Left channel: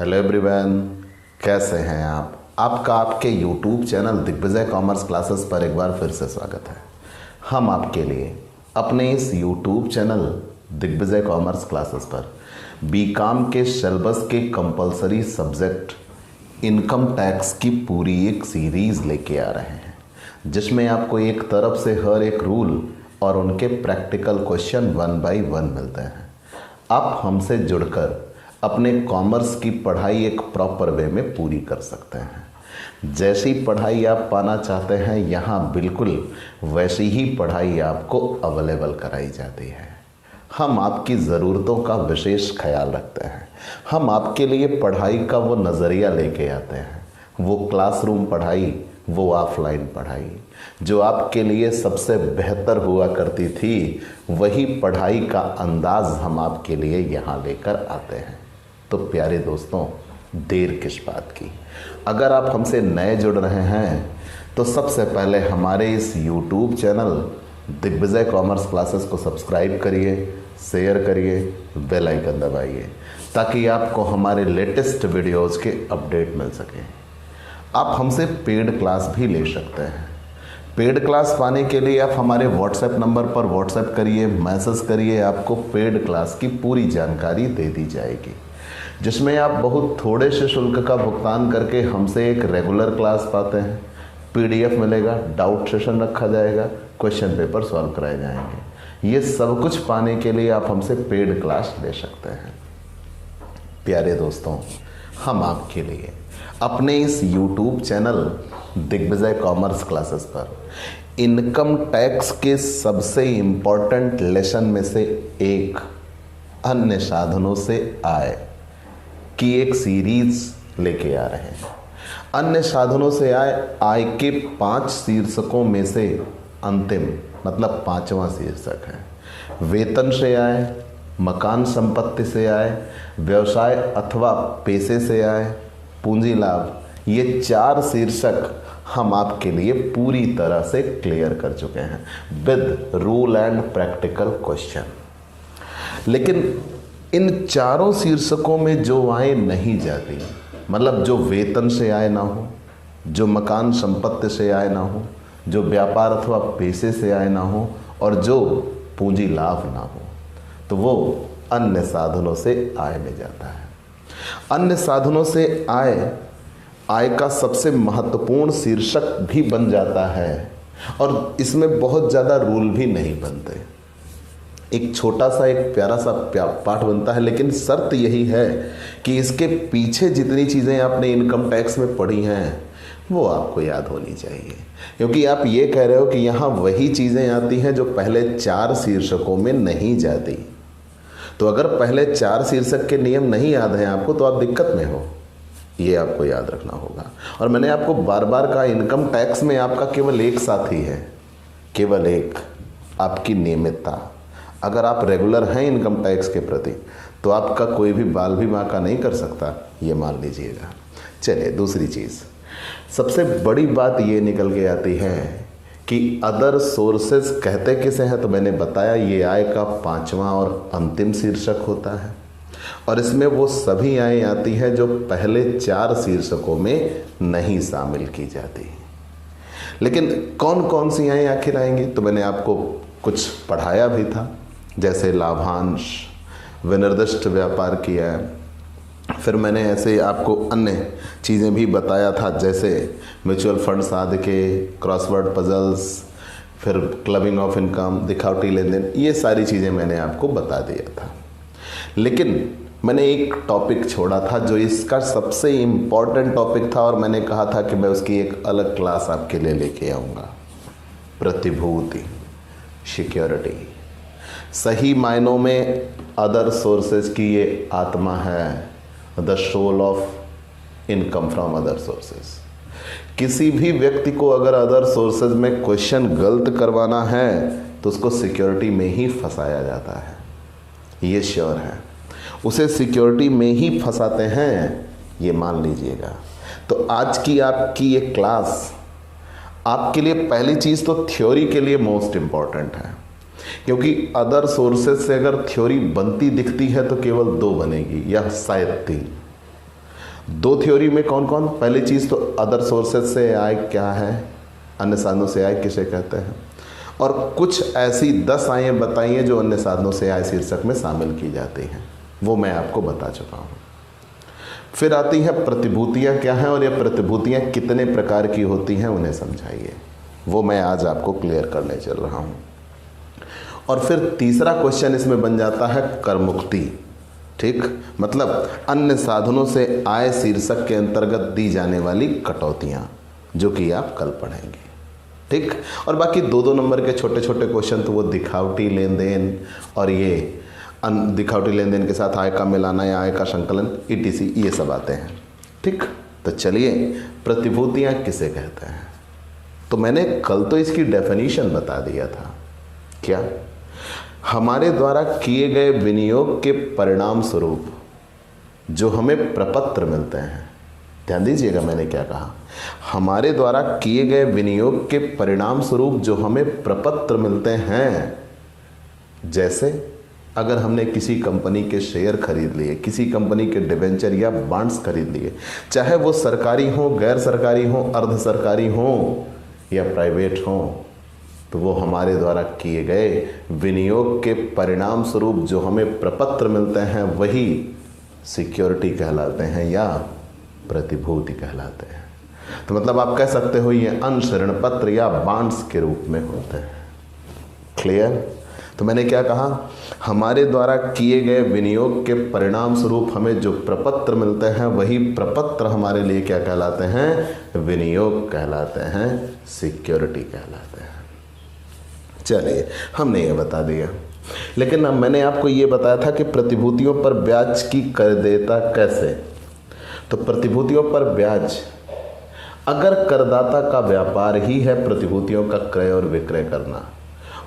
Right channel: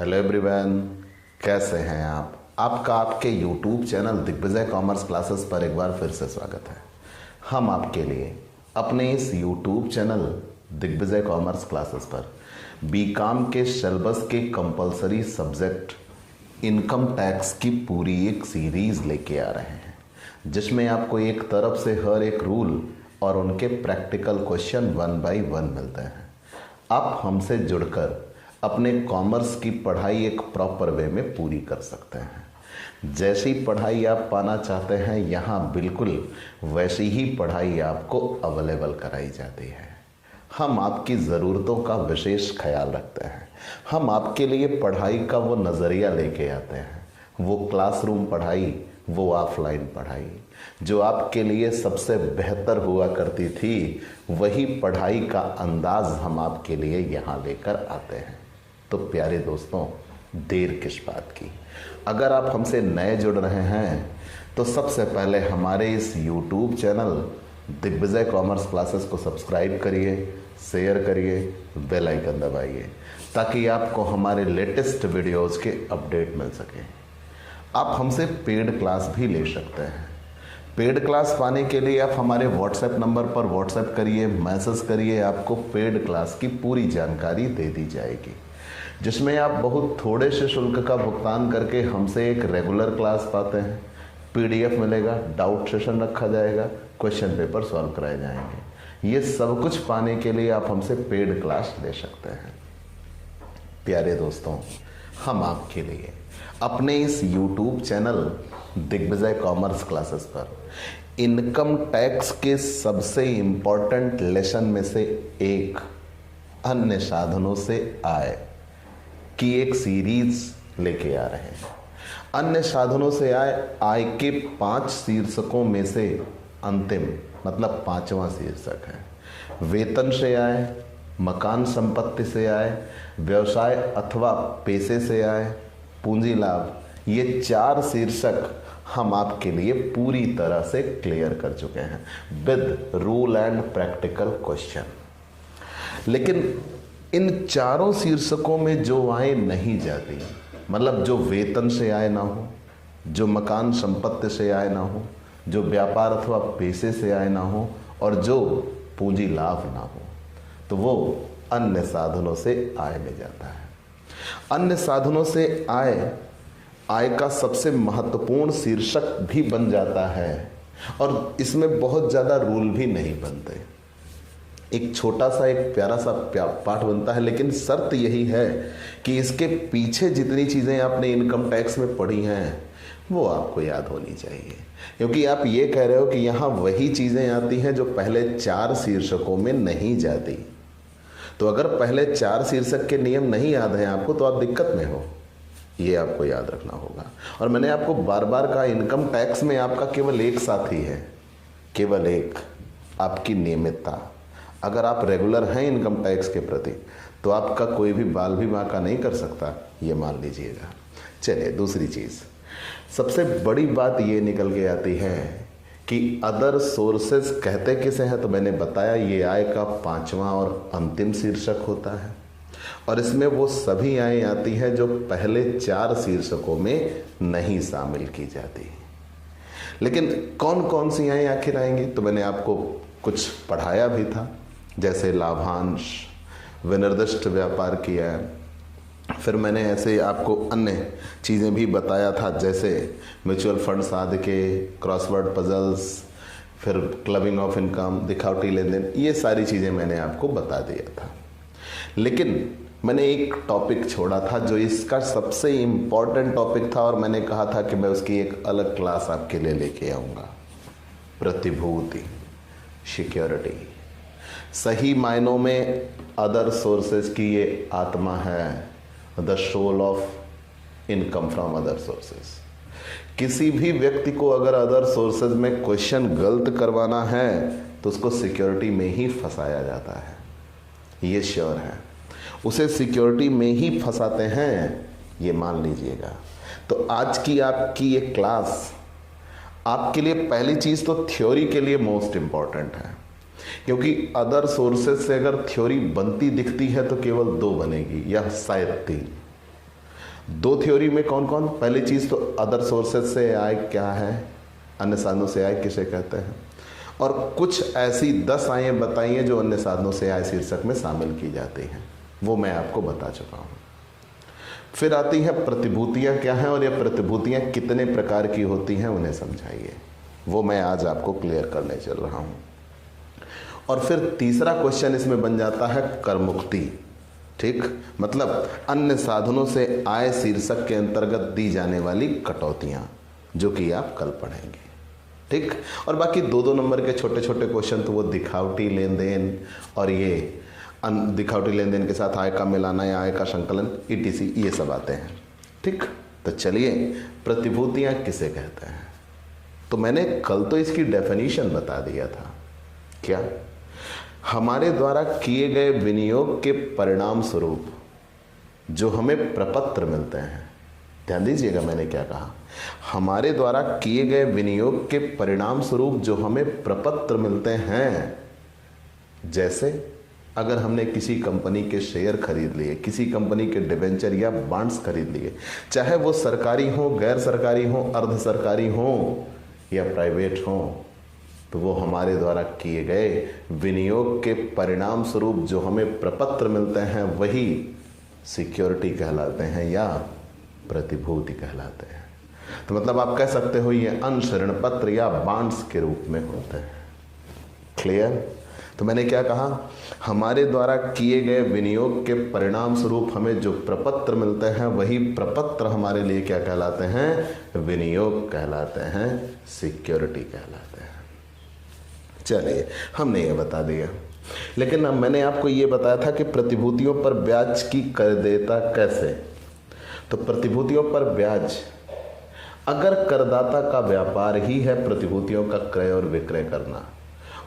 Hello everyone, कैसे हैं आप? आपका आपके YouTube channel Digvijay Commerce Classes पर एक बार फिर से स्वागत है। हम आपके लिए अपने इस YouTube channel Digvijay Commerce Classes पर बीकॉम के सिलेबस के कंपलसरी सब्जेक्ट इनकम टैक्स की पूरी एक सीरीज लेके आ रहे हैं, जिसमें आपको एक तरफ से हर एक रूल और उनके प्रैक्टिकल क्वेश्चन 1 बाय 1 मिलते हैं। आप हमसे जुड़कर अपने कॉमर्स की पढ़ाई एक प्रॉपर वे में पूरी कर सकते हैं। जैसी पढ़ाई आप पाना चाहते हैं, यहाँ बिल्कुल वैसी ही पढ़ाई आपको अवेलेबल कराई जाती है। हम आपकी ज़रूरतों का विशेष ख्याल रखते हैं। हम आपके लिए पढ़ाई का वो नज़रिया लेके आते हैं, वो क्लासरूम पढ़ाई, वो ऑफलाइन पढ़ाई जो आपके लिए सबसे बेहतर हुआ करती थी, वही पढ़ाई का अंदाज हम आपके लिए यहाँ लेकर आते हैं। तो प्यारे दोस्तों, देर किस बात की? अगर आप हमसे नए जुड़ रहे हैं तो सबसे पहले हमारे इस YouTube channel Digvijay Commerce Classes को सब्सक्राइब करिए, शेयर करिए, बेल आइकन दबाइए ताकि आपको हमारे लेटेस्ट वीडियोस के अपडेट मिल सके। आप हमसे पेड क्लास भी ले सकते हैं। पेड क्लास पाने के लिए आप हमारे व्हाट्सएप नंबर पर व्हाट्सएप करिए, मैसेज करिए, आपको पेड क्लास की पूरी जानकारी दे दी जाएगी, जिसमें आप बहुत थोड़े से शुल्क का भुगतान करके हमसे एक रेगुलर क्लास पाते हैं। PDF मिलेगा, डाउट सेशन रखा जाएगा, क्वेश्चन पेपर सॉल्व कराए जाएंगे। ये सब कुछ पाने के लिए आप हमसे पेड क्लास ले सकते हैं। प्यारे दोस्तों, हम आपके लिए अपने इस YouTube channel Digvijay Commerce Classes पर इनकम टैक्स के सबसे इम्पोर्टेंट लेसन में से एक अन्य साधनों से आय की एक सीरीज लेके आ रहे हैं। अन्य साधनों से आय के 5 शीर्षकों में से अंतिम मतलब 5वां शीर्षक है वेतन से आय, मकान संपत्ति से आय, व्यवसाय अथवा पेशे से आय, पूंजी लाभ। ये 4 शीर्षक हम आपके लिए पूरी तरह से क्लियर कर चुके हैं with rule and practical question. लेकिन इन 4 शीर्षकों में जो आय नहीं जाती, मतलब जो वेतन से आय ना हो, जो मकान संपत्ति से आय ना हो, जो व्यापार अथवा पेशे से आय ना हो और जो पूंजी लाभ ना हो, तो वो अन्य साधनों से आय में जाता है। अन्य साधनों से आय का सबसे महत्वपूर्ण शीर्षक भी बन जाता है और इसमें बहुत ज़्यादा रूल भी नहीं बनते। एक छोटा सा एक प्यारा सा पाठ बनता है, लेकिन शर्त यही है कि इसके पीछे जितनी चीज़ें आपने इनकम टैक्स में पढ़ी हैं वो आपको याद होनी चाहिए, क्योंकि आप ये कह रहे हो कि यहाँ वही चीज़ें आती हैं जो पहले 4 शीर्षकों में नहीं जाती। तो अगर पहले 4 शीर्षक के नियम नहीं याद हैं आपको तो आप दिक्कत में हो, ये आपको याद रखना होगा। और मैंने आपको बार बार कहा, इनकम टैक्स में आपका केवल एक साथी है, केवल एक, आपकी नियमितता। अगर आप रेगुलर हैं इनकम टैक्स के प्रति तो आपका कोई भी बाल भी बांका नहीं कर सकता, ये मान लीजिएगा। चलिए, दूसरी चीज़, सबसे बड़ी बात ये निकल के आती है कि अदर सोर्सेज कहते किसे हैं, तो मैंने बताया ये आय का 5वां और अंतिम शीर्षक होता है और इसमें वो सभी आय आती है जो पहले 4 शीर्षकों में नहीं शामिल की जाती। लेकिन कौन कौन सी आय आखिर आएंगी, तो मैंने आपको कुछ पढ़ाया भी था, जैसे लाभांश, विनिर्दिष्ट व्यापार की आय। फिर मैंने ऐसे आपको अन्य चीज़ें भी बताया था, जैसे म्यूचुअल फंड्स आदि के, क्रॉसवर्ड पजल्स, फिर क्लबिंग ऑफ इनकम, दिखावटी लेन देन, ये सारी चीज़ें मैंने आपको बता दिया था। लेकिन मैंने एक टॉपिक छोड़ा था जो इसका सबसे इम्पॉर्टेंट टॉपिक था और मैंने कहा था कि मैं उसकी एक अलग क्लास आपके लिए लेके आऊँगा। प्रतिभूति, सिक्योरिटी। सही मायनों में अदर सोर्सेज की ये आत्मा है, the soul of income from other sources. किसी भी व्यक्ति को अगर अदर सोर्सेज में क्वेश्चन गलत करवाना है तो उसको सिक्योरिटी में ही फंसाया जाता है, ये श्योर है। उसे सिक्योरिटी में ही फंसाते हैं, ये मान लीजिएगा। तो आज की आपकी ये क्लास आपके लिए पहली चीज़ तो थ्योरी के लिए मोस्ट इम्पॉर्टेंट है, क्योंकि अदर सोर्सेज से अगर थ्योरी बनती दिखती है तो केवल 2 बनेगी या शायद 3। दो थ्योरी में कौन कौन? पहली चीज तो अदर सोर्सेज से आय क्या है, अन्य साधनों से आय किसे कहते हैं, और कुछ ऐसी 10 आयें बताइए जो अन्य साधनों से आय शीर्षक में शामिल की जाती हैं, वो मैं आपको बता चुका हूं। फिर आती है प्रतिभूतियां क्या हैं और ये प्रतिभूतियां कितने प्रकार की होती हैं, उन्हें समझाइए, वो मैं आज आपको क्लियर करने चल रहा हूं। और फिर तीसरा क्वेश्चन इसमें बन जाता है कर मुक्ति। ठीक, मतलब अन्य साधनों से आय शीर्षक के अंतर्गत दी जाने वाली कटौतियां, जो कि आप कल पढ़ेंगे। ठीक, और बाकी 2-2 नंबर के छोटे छोटे क्वेश्चन तो वो दिखावटी लेन देन और ये दिखावटी लेन देन के साथ आय का मिलाना या आय का संकलन ETC, ये सब आते हैं। ठीक, तो चलिए प्रतिभूतियां किसे कहते हैं। तो मैंने कल तो इसकी डेफिनेशन बता दिया था। क्या? हमारे द्वारा किए गए विनियोग के परिणाम स्वरूप जो हमें प्रपत्र मिलते हैं, ध्यान दीजिएगा मैंने क्या कहा, हमारे द्वारा किए गए विनियोग के परिणाम स्वरूप जो हमें प्रपत्र मिलते हैं, जैसे अगर हमने किसी कंपनी के शेयर खरीद लिए, किसी कंपनी के डिबेंचर या बॉन्ड्स खरीद लिए, चाहे वो सरकारी हो, गैर सरकारी हो, अर्ध सरकारी हो या प्राइवेट हो, तो वो हमारे द्वारा किए गए विनियोग के परिणाम स्वरूप जो हमें प्रपत्र मिलते हैं वही सिक्योरिटी कहलाते हैं या प्रतिभूति कहलाते हैं। तो मतलब आप कह सकते हो ये अंश, ऋण पत्र या बॉन्ड्स के रूप में होते हैं। क्लियर? तो मैंने क्या कहा, हमारे द्वारा किए गए विनियोग के परिणाम स्वरूप हमें जो प्रपत्र मिलते हैं वही प्रपत्र हमारे लिए क्या कहलाते हैं? विनियोग कहलाते हैं, सिक्योरिटी कहलाते हैं। चलिए, हमने ये बता दिया। लेकिन अब मैंने आपको ये बताया था कि प्रतिभूतियों पर ब्याज की करदेयता कैसे। तो प्रतिभूतियों पर ब्याज, अगर करदाता का व्यापार ही है प्रतिभूतियों का क्रय और विक्रय करना,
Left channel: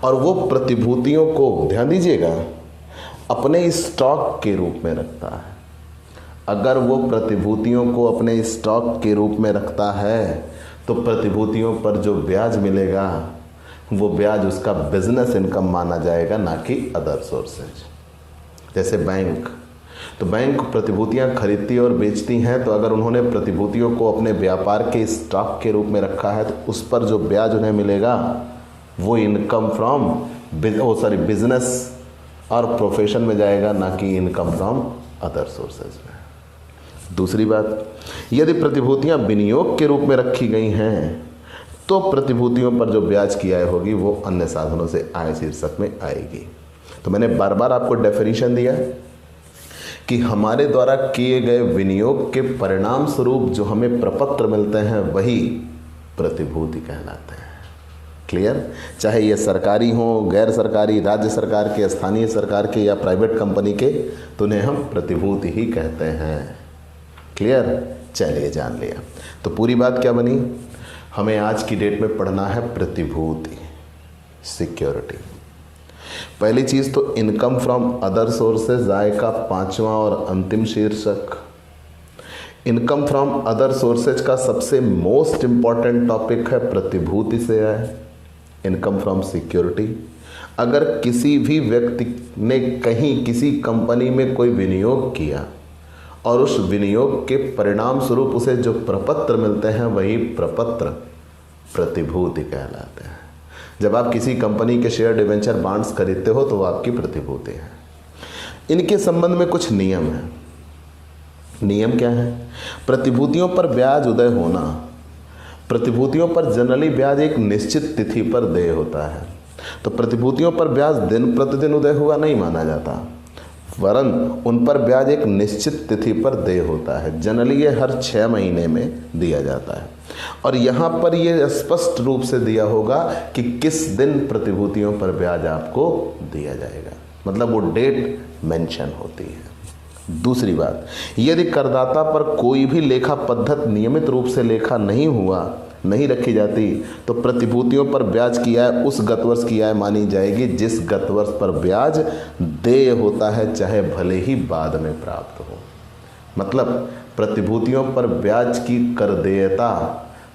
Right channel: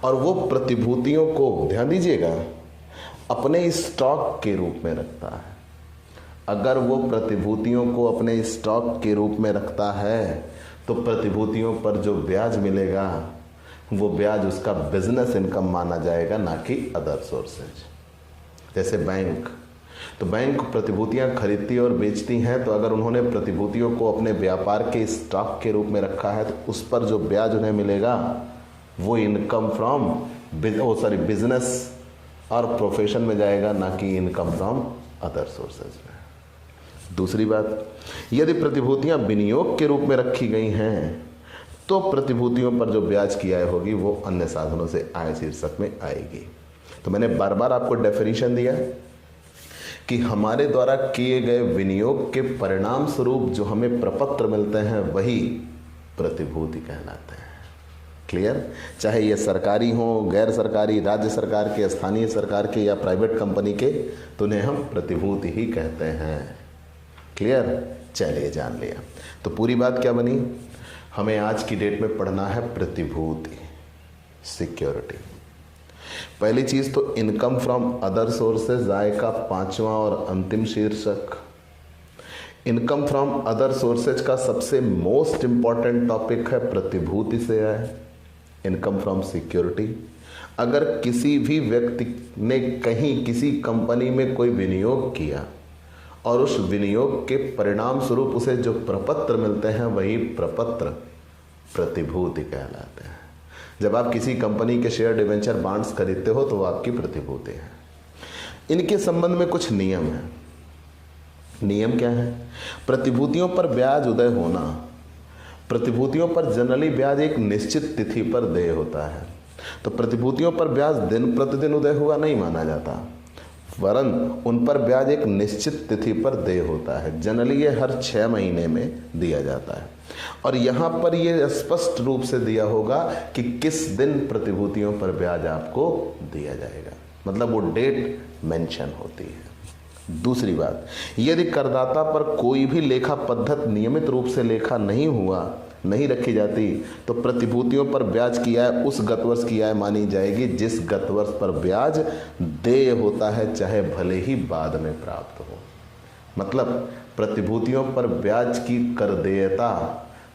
और वो प्रतिभूतियों को, ध्यान दीजिएगा, अपने स्टॉक के रूप में रखता है, अगर वो प्रतिभूतियों को अपने स्टॉक के रूप में रखता है तो प्रतिभूतियों पर जो ब्याज मिलेगा वो ब्याज उसका बिजनेस इनकम माना जाएगा, ना कि अदर सोर्सेज। जैसे बैंक, तो बैंक प्रतिभूतियां खरीदती और बेचती हैं, तो अगर उन्होंने प्रतिभूतियों को अपने व्यापार के स्टॉक के रूप में रखा है तो उस पर जो ब्याज उन्हें मिलेगा वो इनकम फ्रॉम बिजनेस और प्रोफेशन में जाएगा, ना कि इनकम फ्रॉम अदर सोर्सेज में। दूसरी बात, यदि प्रतिभूतियां विनियोग के रूप में रखी गई हैं तो प्रतिभूतियों पर जो ब्याज की आय होगी वो अन्य साधनों से आय शीर्षक में आएगी। तो मैंने बार बार आपको डेफिनेशन दिया कि हमारे द्वारा किए गए विनियोग के परिणाम स्वरूप जो हमें प्रपत्र मिलते हैं वही प्रतिभूति कहलाते हैं। क्लियर? चाहे ये सरकारी हो, गैर सरकारी, राज्य सरकार के, स्थानीय सरकार के या प्राइवेट कंपनी के, तो उन्हें हम प्रतिभूति ही कहते हैं। क्लियर? चलिए, जान लिया। तो पूरी बात क्या बनी, हमें आज की डेट में पढ़ना है प्रतिभूति, सिक्योरिटी। पहली चीज तो इनकम फ्रॉम अदर सोर्सेज, आय का 5वां और अंतिम शीर्षक। इनकम फ्रॉम अदर सोर्सेज का सबसे मोस्ट इंपॉर्टेंट टॉपिक है प्रतिभूति से आय, इनकम फ्रॉम सिक्योरिटी। अगर किसी भी व्यक्ति ने कहीं किसी कंपनी में कोई विनियोग किया और उस विनियोग के परिणाम स्वरूप उसे जो प्रपत्र मिलते हैं वही प्रपत्र प्रतिभूति कहलाते हैं। जब आप किसी कंपनी के शेयर, डिबेंचर, बॉन्ड्स खरीदते हो तो वो आपकी प्रतिभूति है। इनके संबंध में कुछ नियम है। नियम क्या है? प्रतिभूतियों पर ब्याज उदय होना, प्रतिभूतियों पर जनरली ब्याज एक निश्चित तिथि पर देय होता है, तो प्रतिभूतियों पर ब्याज दिन प्रतिदिन उदय हुआ नहीं माना जाता, वरन उन पर ब्याज एक निश्चित तिथि पर देय होता है। जनरली ये हर 6 महीने में दिया जाता है, और यहाँ पर ये स्पष्ट रूप से दिया होगा कि किस दिन प्रतिभूतियों पर ब्याज आपको दिया जाएगा, मतलब वो डेट मेंशन होती है। दूसरी बात, यदि करदाता पर कोई भी लेखा पद्धत नियमित रूप से लेखा नहीं रखी जाती तो प्रतिभूतियों पर ब्याज की आय उस गत वर्ष की आय मानी जाएगी जिस गत वर्ष पर ब्याज देय होता है, चाहे भले ही बाद में प्राप्त हो। मतलब प्रतिभूतियों पर ब्याज की करदेयता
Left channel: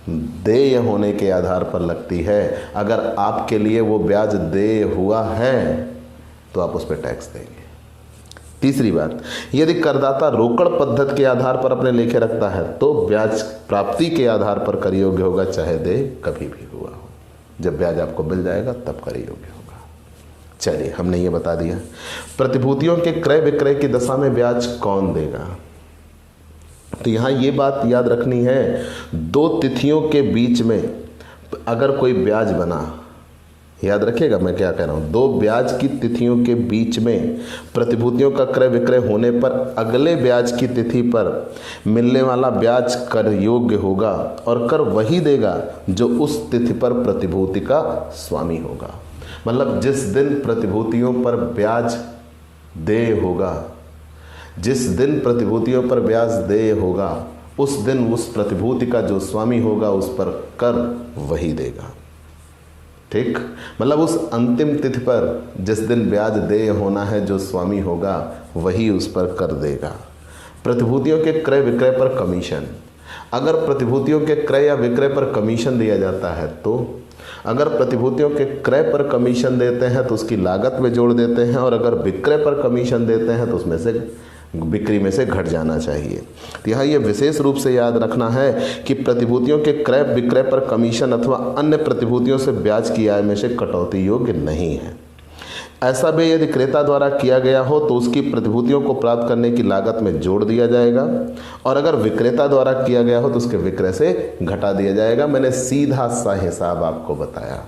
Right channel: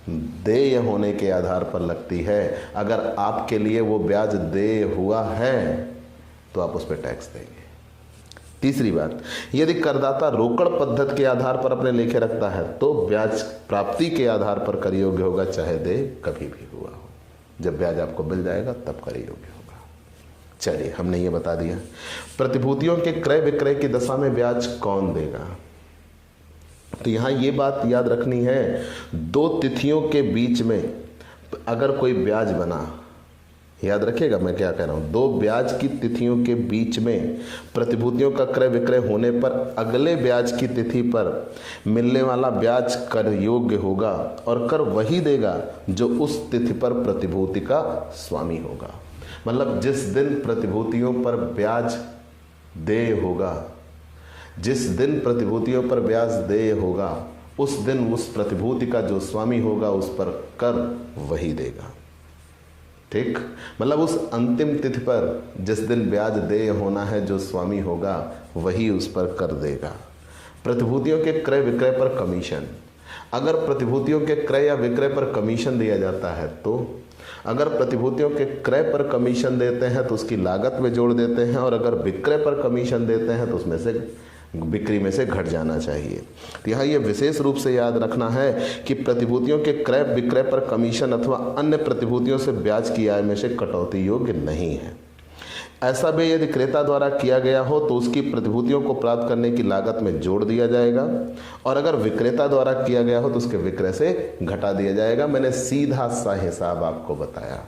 देय होने के आधार पर लगती है। अगर आपके लिए वो ब्याज देय हुआ है तो आप उस पर टैक्स देंगे। तीसरी बात, यदि करदाता रोकड़ पद्धति के आधार पर अपने लेखे रखता है तो ब्याज प्राप्ति के आधार पर कर योग्य होगा, चाहे दे कभी भी हुआ हो। जब ब्याज आपको मिल जाएगा तब कर योग्य होगा। चलिए, हमने ये बता दिया। प्रतिभूतियों के क्रय विक्रय की दशा में ब्याज कौन देगा? तो यहां ये बात याद रखनी है, दो तिथियों के बीच में अगर कोई ब्याज बना, याद रखिएगा मैं क्या कह रहा हूं, दो ब्याज की तिथियों के बीच में प्रतिभूतियों का क्रय विक्रय होने पर अगले ब्याज की तिथि पर मिलने वाला ब्याज कर योग्य होगा और कर वही देगा जो उस तिथि पर प्रतिभूति का स्वामी होगा। मतलब जिस दिन प्रतिभूतियों पर ब्याज देय होगा, जिस दिन प्रतिभूतियों पर ब्याज देय होगा, उस दिन उस प्रतिभूति का जो स्वामी होगा उस पर कर वही देगा। ठीक, मतलब उस अंतिम तिथि पर जिस दिन ब्याज देय होना है, जो स्वामी होगा वही उस पर कर देगा। प्रतिभूतियों के क्रय विक्रय पर कमीशन, अगर प्रतिभूतियों के क्रय या विक्रय पर कमीशन दिया जाता है तो अगर प्रतिभूतियों के क्रय पर कमीशन देते हैं तो उसकी लागत में जोड़ देते हैं, और अगर विक्रय पर कमीशन देते हैं तो उसमें से बिक्री में से घट जाना चाहिए। तो यहाँ ये विशेष रूप से याद रखना है कि प्रतिभूतियों के क्रय विक्रय पर कमीशन अथवा अन्य प्रतिभूतियों से ब्याज की आय में से कटौती योग्य नहीं है। ऐसा भी यदि क्रेता द्वारा किया गया हो तो उसकी प्रतिभूतियों को प्राप्त करने की लागत में जोड़ दिया जाएगा, और अगर विक्रेता द्वारा किया गया हो तो उसके विक्रय से घटा दिया जाएगा। मैंने सीधा सा हिसाब आपको बताया।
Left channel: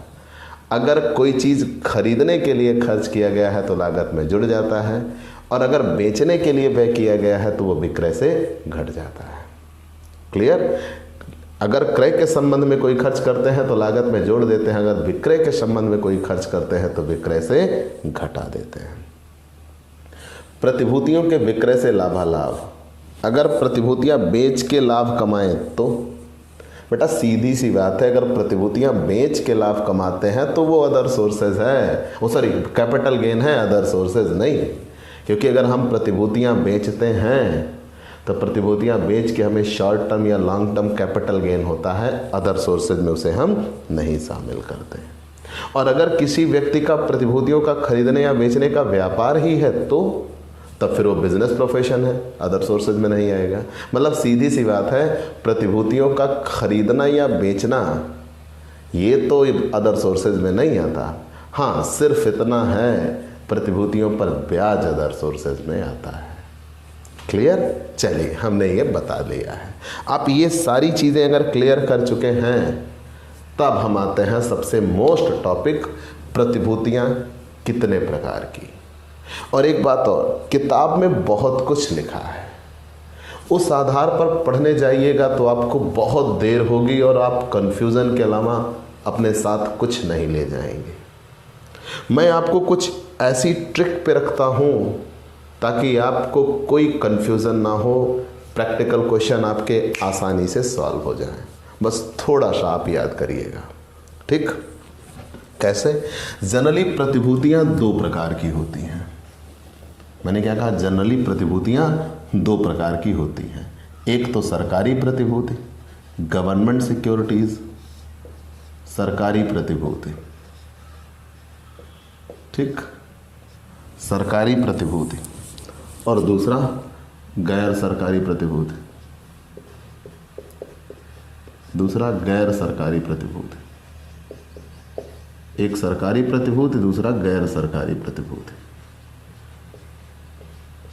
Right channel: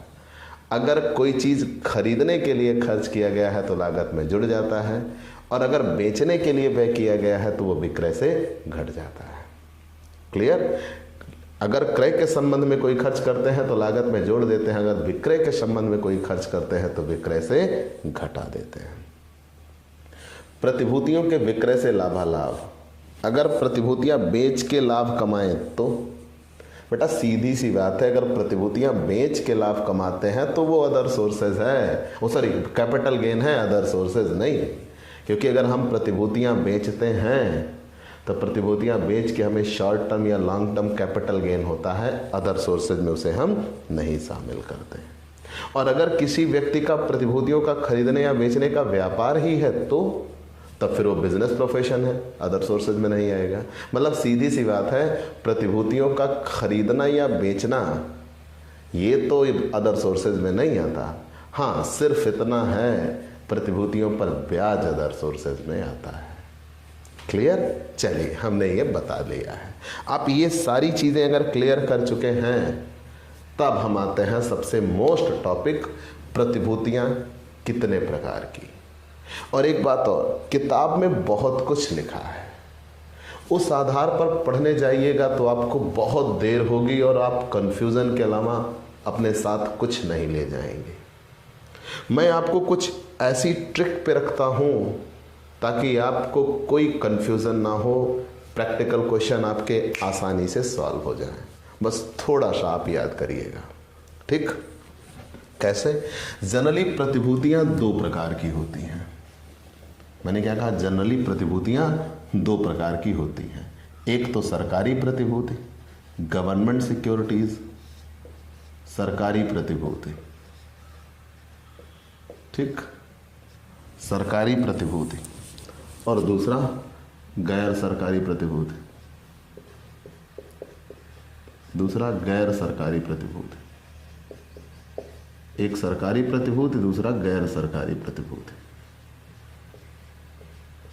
अगर कोई चीज़ खरीदने के लिए खर्च किया गया है तो लागत में जुड़ जाता है, और अगर बेचने के लिए व्यय किया गया है तो वो विक्रय से घट जाता है। क्लियर? अगर क्रय के संबंध में कोई खर्च करते हैं तो लागत में जोड़ देते हैं, अगर विक्रय के संबंध में कोई खर्च करते हैं तो विक्रय से घटा देते हैं। प्रतिभूतियों के विक्रय से लाभालाभ, अगर प्रतिभूतियां बेच के लाभ कमाएं तो बेटा सीधी सी बात है, अगर प्रतिभूतियां बेच के लाभ कमाते हैं तो वो अदर सोर्सेज है, वो सॉरी कैपिटल गेन है, अदर सोर्सेज नहीं। क्योंकि अगर हम प्रतिभूतियां बेचते हैं तो प्रतिभूतियां बेच के हमें शॉर्ट टर्म या लॉन्ग टर्म कैपिटल गेन होता है, अदर सोर्सेज में उसे हम नहीं शामिल करते। और अगर किसी व्यक्ति का प्रतिभूतियों का खरीदने या बेचने का व्यापार ही है तो तब फिर वो बिजनेस प्रोफेशन है, अदर सोर्सेज में नहीं आएगा। मतलब सीधी सी बात है, प्रतिभूतियों का खरीदना या बेचना ये तो अदर सोर्सेज में नहीं आता। हाँ, सिर्फ इतना है, प्रतिभूतियों पर ब्याज अदर सोर्सेज में आता है। क्लियर? चलिए, हमने ये बता लिया है। आप ये सारी चीजें अगर क्लियर कर चुके हैं तब हम आते हैं सबसे मोस्ट टॉपिक, प्रतिभूतियां कितने प्रकार की। और एक बात और, किताब में बहुत कुछ लिखा है, उस आधार पर पढ़ने जाइएगा तो आपको बहुत देर होगी और आप कंफ्यूजन के अलावा अपने साथ कुछ नहीं ले जाएंगे। मैं आपको कुछ ऐसी ट्रिक पे रखता हूं ताकि आपको कोई कंफ्यूजन ना हो, प्रैक्टिकल क्वेश्चन आपके आसानी से सॉल्व हो जाए। बस थोड़ा सा आप याद करिएगा। ठीक? कैसे? जनरली प्रतिभूतियां दो प्रकार की होती हैं। मैंने क्या कहा? जनरली प्रतिभूतियां दो प्रकार की होती हैं। एक तो सरकारी प्रतिभूति, गवर्नमेंट सिक्योरिटीज, सरकारी प्रतिभूति। ठीक? सरकारी प्रतिभूति। और दूसरा गैर सरकारी प्रतिभूति। दूसरा गैर सरकारी प्रतिभूति। एक सरकारी प्रतिभूति, दूसरा गैर सरकारी प्रतिभूति।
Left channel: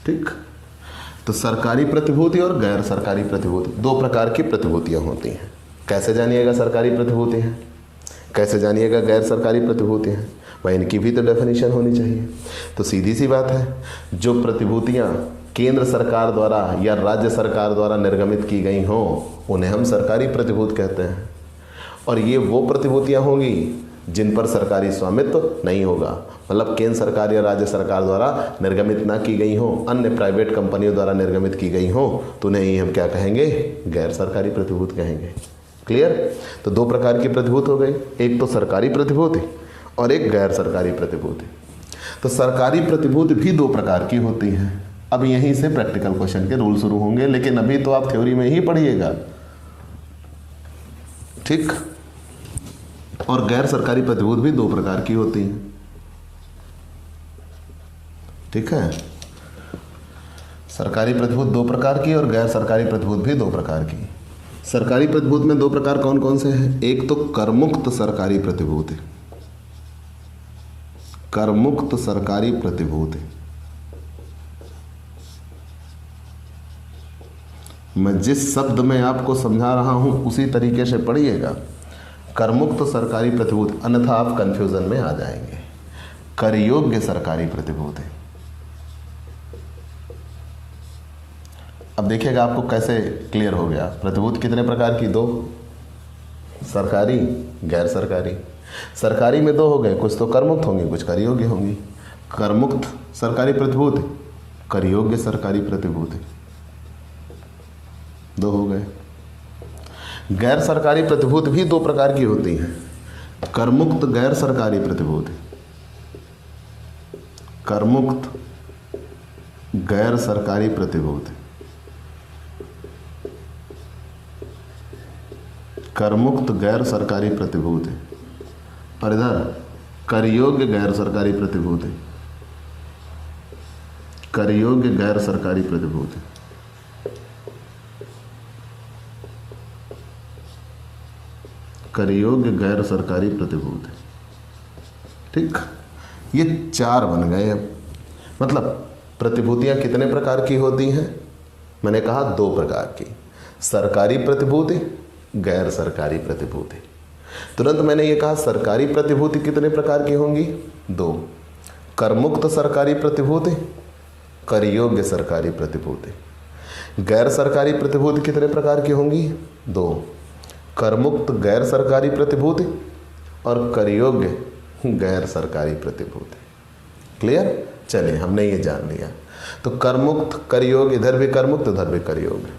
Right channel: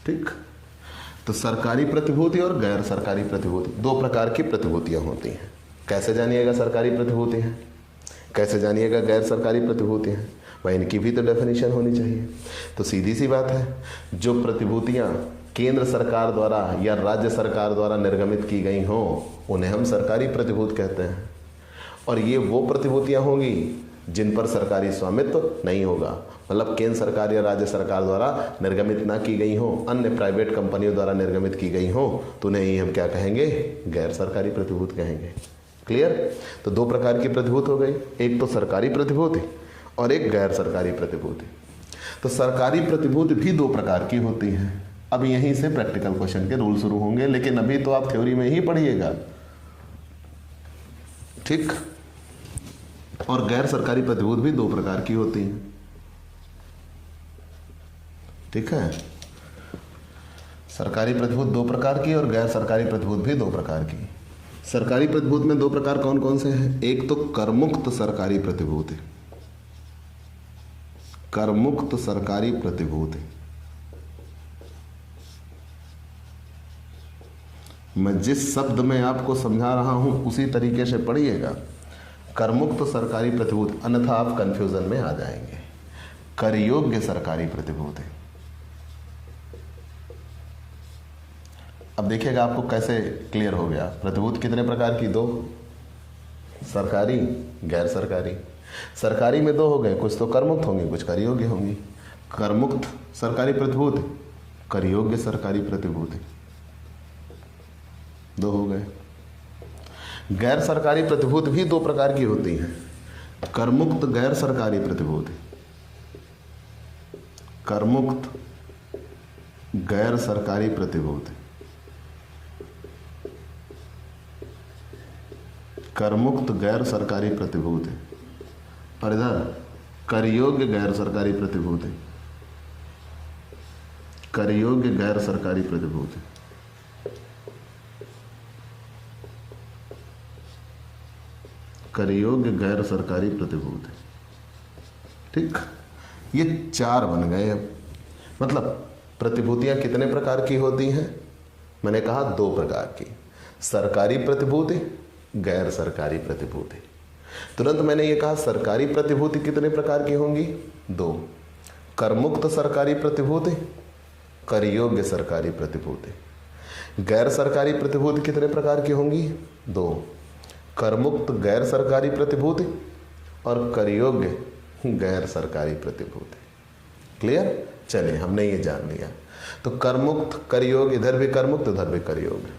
ठीक? तो सरकारी प्रतिभूति और गैर सरकारी प्रतिभूति, दो प्रकार की प्रतिभूतियां होती हैं। कैसे जानिएगा सरकारी प्रतिभूति है, कैसे जानिएगा गैर सरकारी प्रतिभूति है? वह इनकी भी तो डेफिनेशन होनी चाहिए। तो सीधी सी बात है, जो प्रतिभूतियां केंद्र सरकार द्वारा या राज्य सरकार द्वारा निर्गमित की गई हों उन्हें हम सरकारी प्रतिभूति कहते हैं। और ये वो प्रतिभूतियां होंगी जिन पर सरकारी स्वामित्व नहीं होगा, मतलब केंद्र सरकार या राज्य सरकार द्वारा निर्गमित ना की गई हो, अन्य प्राइवेट कंपनियों द्वारा निर्गमित की गई हो, तो उन्हें ही हम क्या कहेंगे? गैर सरकारी प्रतिभूति कहेंगे। क्लियर? तो दो प्रकार की प्रतिभूति हो गई, एक तो सरकारी प्रतिभूति और एक गैर सरकारी प्रतिभूति। तो सरकारी प्रतिभूति भी दो प्रकार की होती है। अब यहीं से प्रैक्टिकल क्वेश्चन के रूल शुरू होंगे, लेकिन अभी तो आप थ्योरी में ही पढ़िएगा। ठीक? और गैर सरकारी प्रतिभूति भी दो प्रकार की होती है। ठीक है? सरकारी प्रतिभूति दो प्रकार की और गैर सरकारी प्रतिभूति भी दो प्रकार की। सरकारी प्रतिभूति में दो प्रकार कौन कौन से हैं? एक तो करमुक्त सरकारी प्रतिभूति, करमुक्त सरकारी प्रतिभूति। मैं जिस शब्द में आपको समझा रहा हूं उसी तरीके से पढ़िएगा। करमुक्त सरकारी प्रतिभूति, अन्यथा आप कंफ्यूजन में आ जाएंगे। कर योग्य सरकारी प्रतिभूति। अब देखिएगा आपको कैसे क्लियर हो गया। प्रतिभूति कितने प्रकार की? दो, सरकारी, गैर सरकारी। सरकारी में दो हो गए, कुछ तो करमुक्त होंगी, कुछ कर योग्य होंगी। करमुक्त सरकारी प्रतिभूति, कर योग्य सरकारी प्रतिभूति, दो हो गए। गैर सरकारी प्रतिभूति भी दो प्रकार की होती है। करमुक्त गैर सरकारी प्रतिभूति, करमुक्त गैर सरकारी प्रतिभूति, करमुक्त गैर सरकारी प्रतिभूति, और इधर कर योग्य गैर सरकारी प्रतिभूति, कर योग्य गैर सरकारी प्रतिभूति। कर योग्य गैर सरकारी प्रतिभूति। ठीक, ये चार बन गए। अब मतलब प्रतिभूतियां कितने प्रकार की होती हैं? मैंने कहा दो प्रकार की, सरकारी प्रतिभूति, गैर सरकारी प्रतिभूति। तुरंत मैंने ये कहा सरकारी प्रतिभूति कितने प्रकार की होंगी? दो, करमुक्त सरकारी प्रतिभूति, कर योग्य सरकारी प्रतिभूति। गैर सरकारी प्रतिभूति कितने प्रकार की होंगी? दो, करमुक्त गैर सरकारी प्रतिभूति और कर योग्य गैर सरकारी प्रतिभूति। क्लियर? चलिए, हमने ये जान लिया। तो करमुक्त, कर योग्य, इधर भी करमुक्त, उधर भी कर योग्य।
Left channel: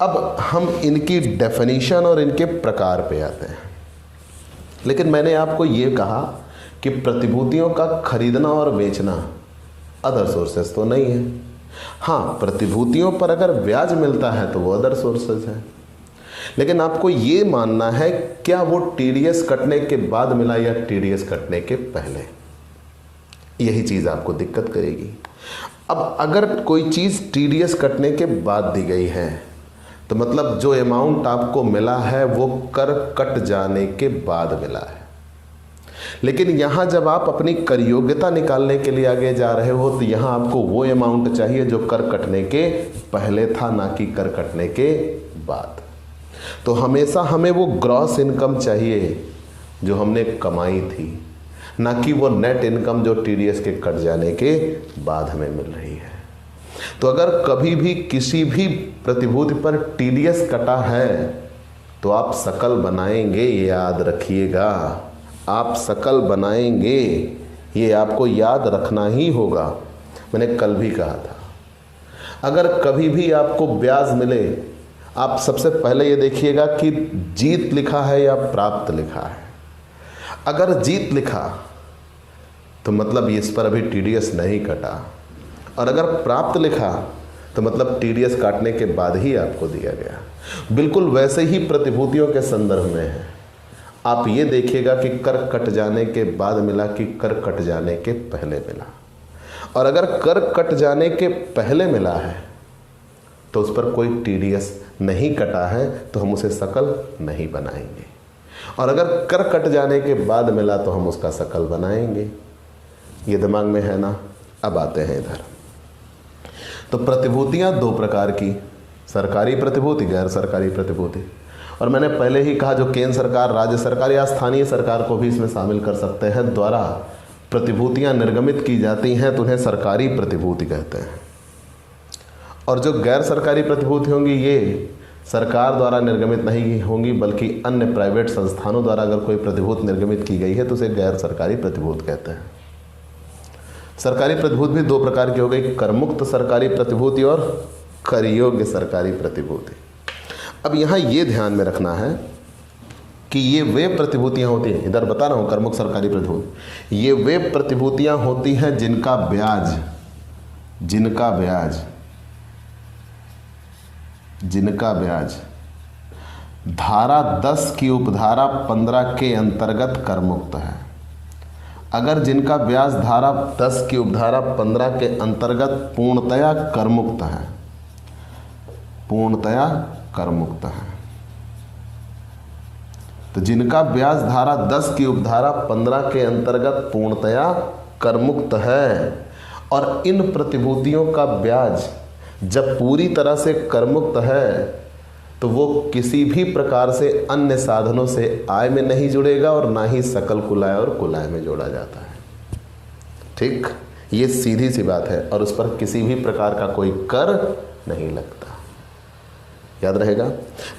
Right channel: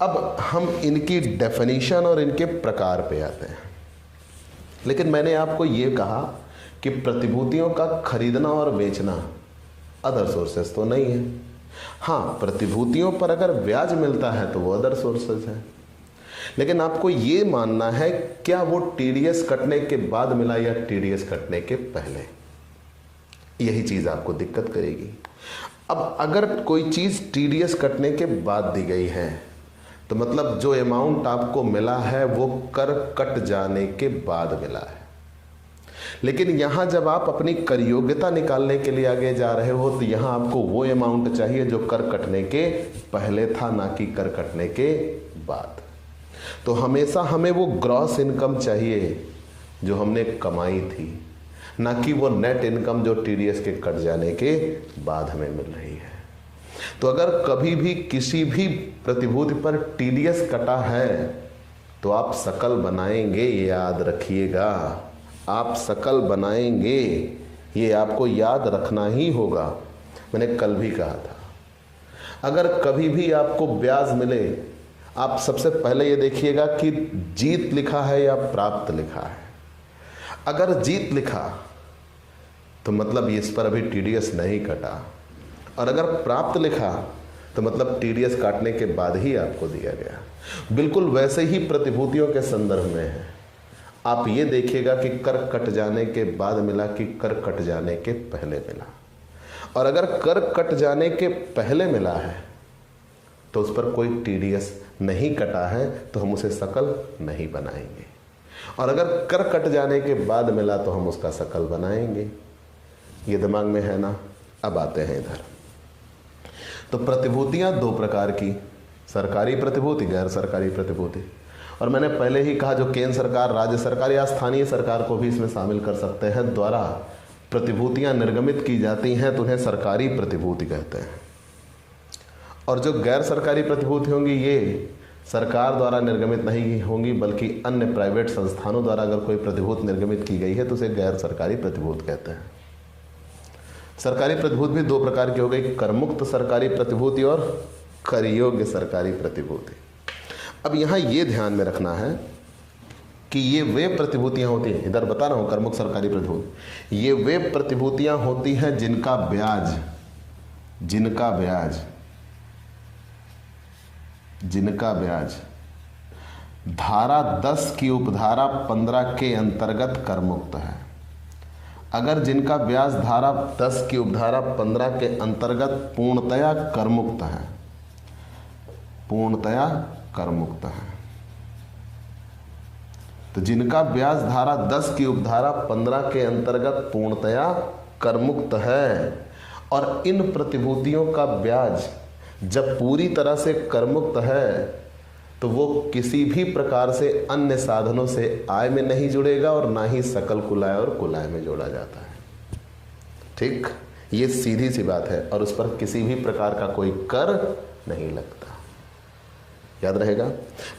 अब हम इनकी डेफिनेशन और इनके प्रकार पे आते हैं। लेकिन मैंने आपको ये कहा कि प्रतिभूतियों का खरीदना और बेचना अदर सोर्सेस तो नहीं है। हाँ, प्रतिभूतियों पर अगर ब्याज मिलता है तो वो अदर सोर्सेस है। लेकिन आपको ये मानना है क्या वो टीडीएस कटने के बाद मिला या टीडीएस कटने के पहले। यही चीज आपको दिक्कत करेगी। अब अगर कोई चीज टीडीएस कटने के बाद दी गई है तो मतलब जो अमाउंट आपको मिला है वो कर कट जाने के बाद मिला है। लेकिन यहां जब आप अपनी कर योग्यता निकालने के लिए आगे जा रहे हो तो यहां आपको वो अमाउंट चाहिए जो कर कटने के पहले था, ना कि कर कटने के बाद। तो हमेशा हमें वो ग्रॉस इनकम चाहिए जो हमने कमाई थी, ना कि वो नेट इनकम जो टीडीएस के कट जाने के बाद हमें मिल रही है। तो अगर कभी भी किसी भी प्रतिभूति पर टीडीएस कटा है तो आप सकल बनाएंगे, याद रखिएगा, आप सकल बनाएंगे, ये आपको याद रखना ही होगा। मैंने कल भी कहा था, अगर कभी भी आपको ब्याज मिले, आप सबसे पहले ये देखिएगा कि जीत लिखा है या प्राप्त लिखा है। अगर जीत लिखा तो मतलब इस पर अभी टीडीएस नहीं कटा, और अगर प्राप्त लिखा तो मतलब टीडीएस काटने के बाद ही आपको दिया गया। बिल्कुल वैसे ही प्रतिभूतियों के संदर्भ में है। आप ये देखिएगा कि कर कट जाने के बाद मिला कि कर कट जाने के पहले मिला। और अगर कर कट जाने के पहले मिला है तो उस पर कोई टीडीएस नहीं कटा है तो हम उसे सकल नहीं बनाएंगे, और अगर कर कट जाने के बाद मिला तो हम उसका सकल बनाएंगे। ये दिमाग में है ना? अब आते हैं इधर। तो प्रतिभूतियां दो प्रकार की, सरकारी प्रतिभूति, गैर सरकारी प्रतिभूति। और मैंने पहले ही कहा जो केंद्र सरकार, राज्य सरकार या स्थानीय सरकार को भी इसमें शामिल कर सकते हैं, द्वारा प्रतिभूतियां निर्गमित की जाती हैं तो उन्हें सरकारी प्रतिभूति कहते हैं। और जो गैर सरकारी प्रतिभूति होंगी ये सरकार द्वारा निर्गमित नहीं होंगी बल्कि अन्य प्राइवेट संस्थानों द्वारा अगर कोई प्रतिभूति निर्गमित की गई है तो उसे गैर सरकारी प्रतिभूति कहते हैं। सरकारी प्रतिभूति भी दो प्रकार की हो गई, करमुक्त सरकारी प्रतिभूति और कर योग्य सरकारी प्रतिभूति। अब यहाँ ये ध्यान में रखना है कि ये वे प्रतिभूतियां होती हैं, इधर बता रहा हूँ करमुक्त सरकारी प्रतिभूति, ये वे प्रतिभूतियां होती हैं जिनका ब्याज धारा 10 की उपधारा 15 के अंतर्गत करमुक्त है। अगर जिनका ब्याज धारा 10 की उपधारा 15 के अंतर्गत पूर्णतया करमुक्त है, पूर्णतया करमुक्त है, तो जिनका ब्याज धारा 10 की उपधारा 15 के अंतर्गत पूर्णतया करमुक्त है और इन प्रतिभूतियों का ब्याज जब पूरी तरह से करमुक्त है तो वो किसी भी प्रकार से अन्य साधनों से आय में नहीं जुड़ेगा और ना ही सकल कुलाय और कुलाय में जोड़ा जाता है। ठीक, ये सीधी सी बात है और उस पर किसी भी प्रकार का कोई कर नहीं लगता। याद रहेगा,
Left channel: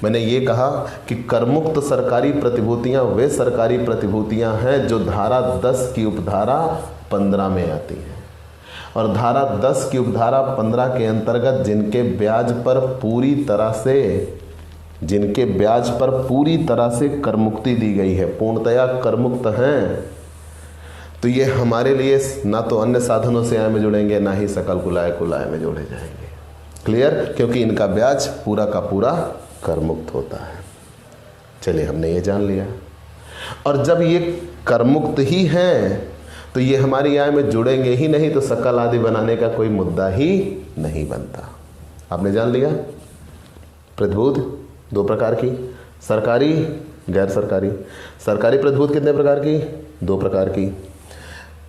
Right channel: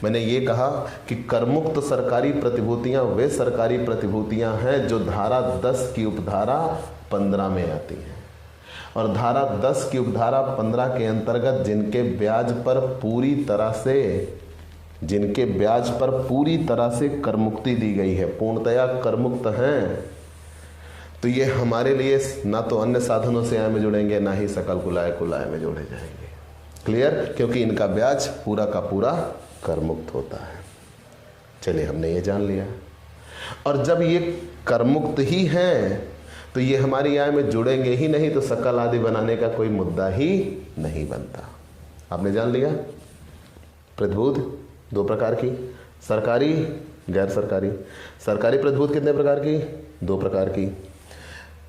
मैंने ये कहा कि करमुक्त सरकारी प्रतिभूतियां वे सरकारी प्रतिभूतियां हैं जो धारा 10 की उपधारा 15 में आती है और धारा 10 की उपधारा 15 के अंतर्गत जिनके ब्याज पर पूरी तरह से करमुक्ति दी गई है, पूर्णतया करमुक्त हैं, तो ये हमारे लिए ना तो अन्य साधनों से आय में जुड़ेंगे ना ही सकल कुलाय में जोड़े जाएंगे। क्लियर, क्योंकि इनका ब्याज पूरा का पूरा करमुक्त होता है। चलिए, हमने ये जान लिया। और जब ये करमुक्त ही हैं तो ये हमारी आय में जुड़ेंगे ही नहीं, तो सकल आदि बनाने का कोई मुद्दा ही नहीं बनता। आपने जान लिया प्रतिभूति 2 प्रकार की, सरकारी गैर सरकारी। सरकारी प्रतिभूति कितने प्रकार की? 2 प्रकार की।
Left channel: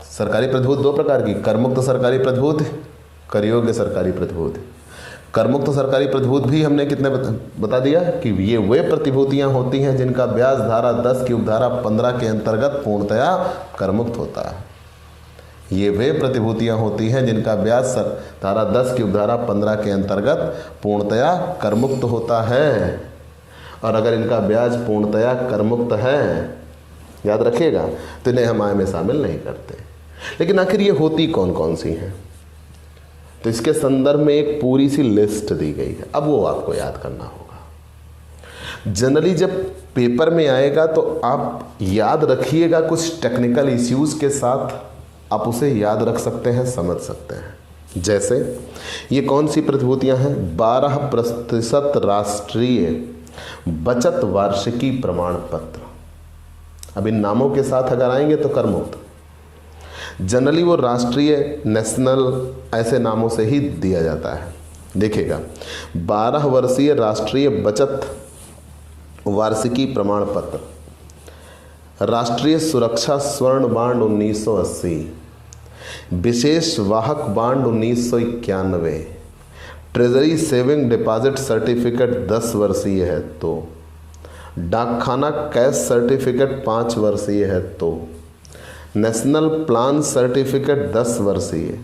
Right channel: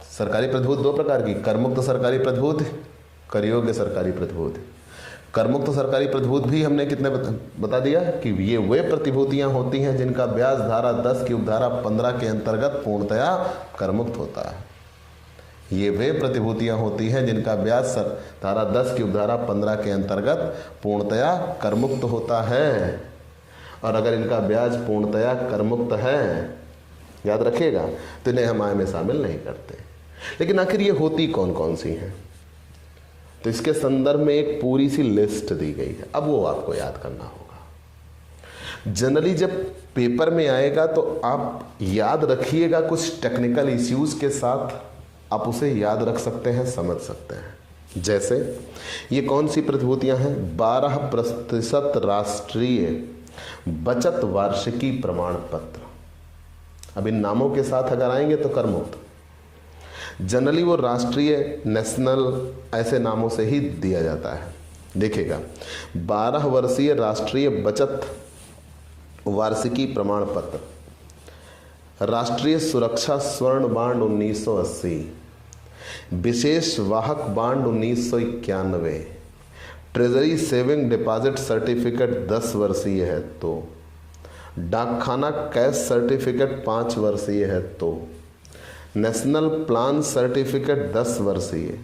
सरकारी प्रतिभूति 2 प्रकार की, करमुक्त सरकारी प्रतिभूति, करयोग्य सरकारी प्रतिभूति। करमुक्त सरकारी प्रतिभूति भी हमने कितने बता दिया कि ये वे प्रतिभूतियां होती हैं जिनका ब्याज धारा 10 की उपधारा 15 के अंतर्गत पूर्णतया करमुक्त होता है। ये वे प्रतिभूतियां होती हैं जिनका ब्याज धारा 10 की उपधारा 15 के अंतर्गत पूर्णतया करमुक्त होता है। और अगर इनका ब्याज पूर्णतया करमुक्त है, याद रखिएगा, तो इन्हें हम आय में शामिल नहीं करते। लेकिन आखिर ये होती कौन कौन सी हैं? तो इसके संदर्भ में एक पूरी सी लिस्ट दी गई है। अब वो आपको याद करना होगा। जनरली जब पेपर में आएगा तो आप याद रखिएगा, कुछ टेक्निकल इश्यूज के साथ आप उसे याद रख सकते हैं, समझ सकते हैं। जैसे ये कौन सी प्रतिभूतियां हैं? 12% राष्ट्रीय बचत वार्षिकी प्रमाण पत्र। अब इन नामों के साथ अगर आएंगे तो करमुक्त। जनरली वो राष्ट्रीय, नेशनल ऐसे नामों से ही दिया जाता है। देखिएगा, 12 वर्षीय राष्ट्रीय बचत वार्षिकी प्रमाण पत्र, राष्ट्रीय सुरक्षा स्वर्ण बांड 1980, विशेष वाहक bond 1991, treasury saving deposit certificate 10 वर्षीय है तो, डाकखाना कैश सर्टिफिकेट 5 वर्षीय है तो, नेशनल प्लान सर्टिफिकेट 10 वर्षीय,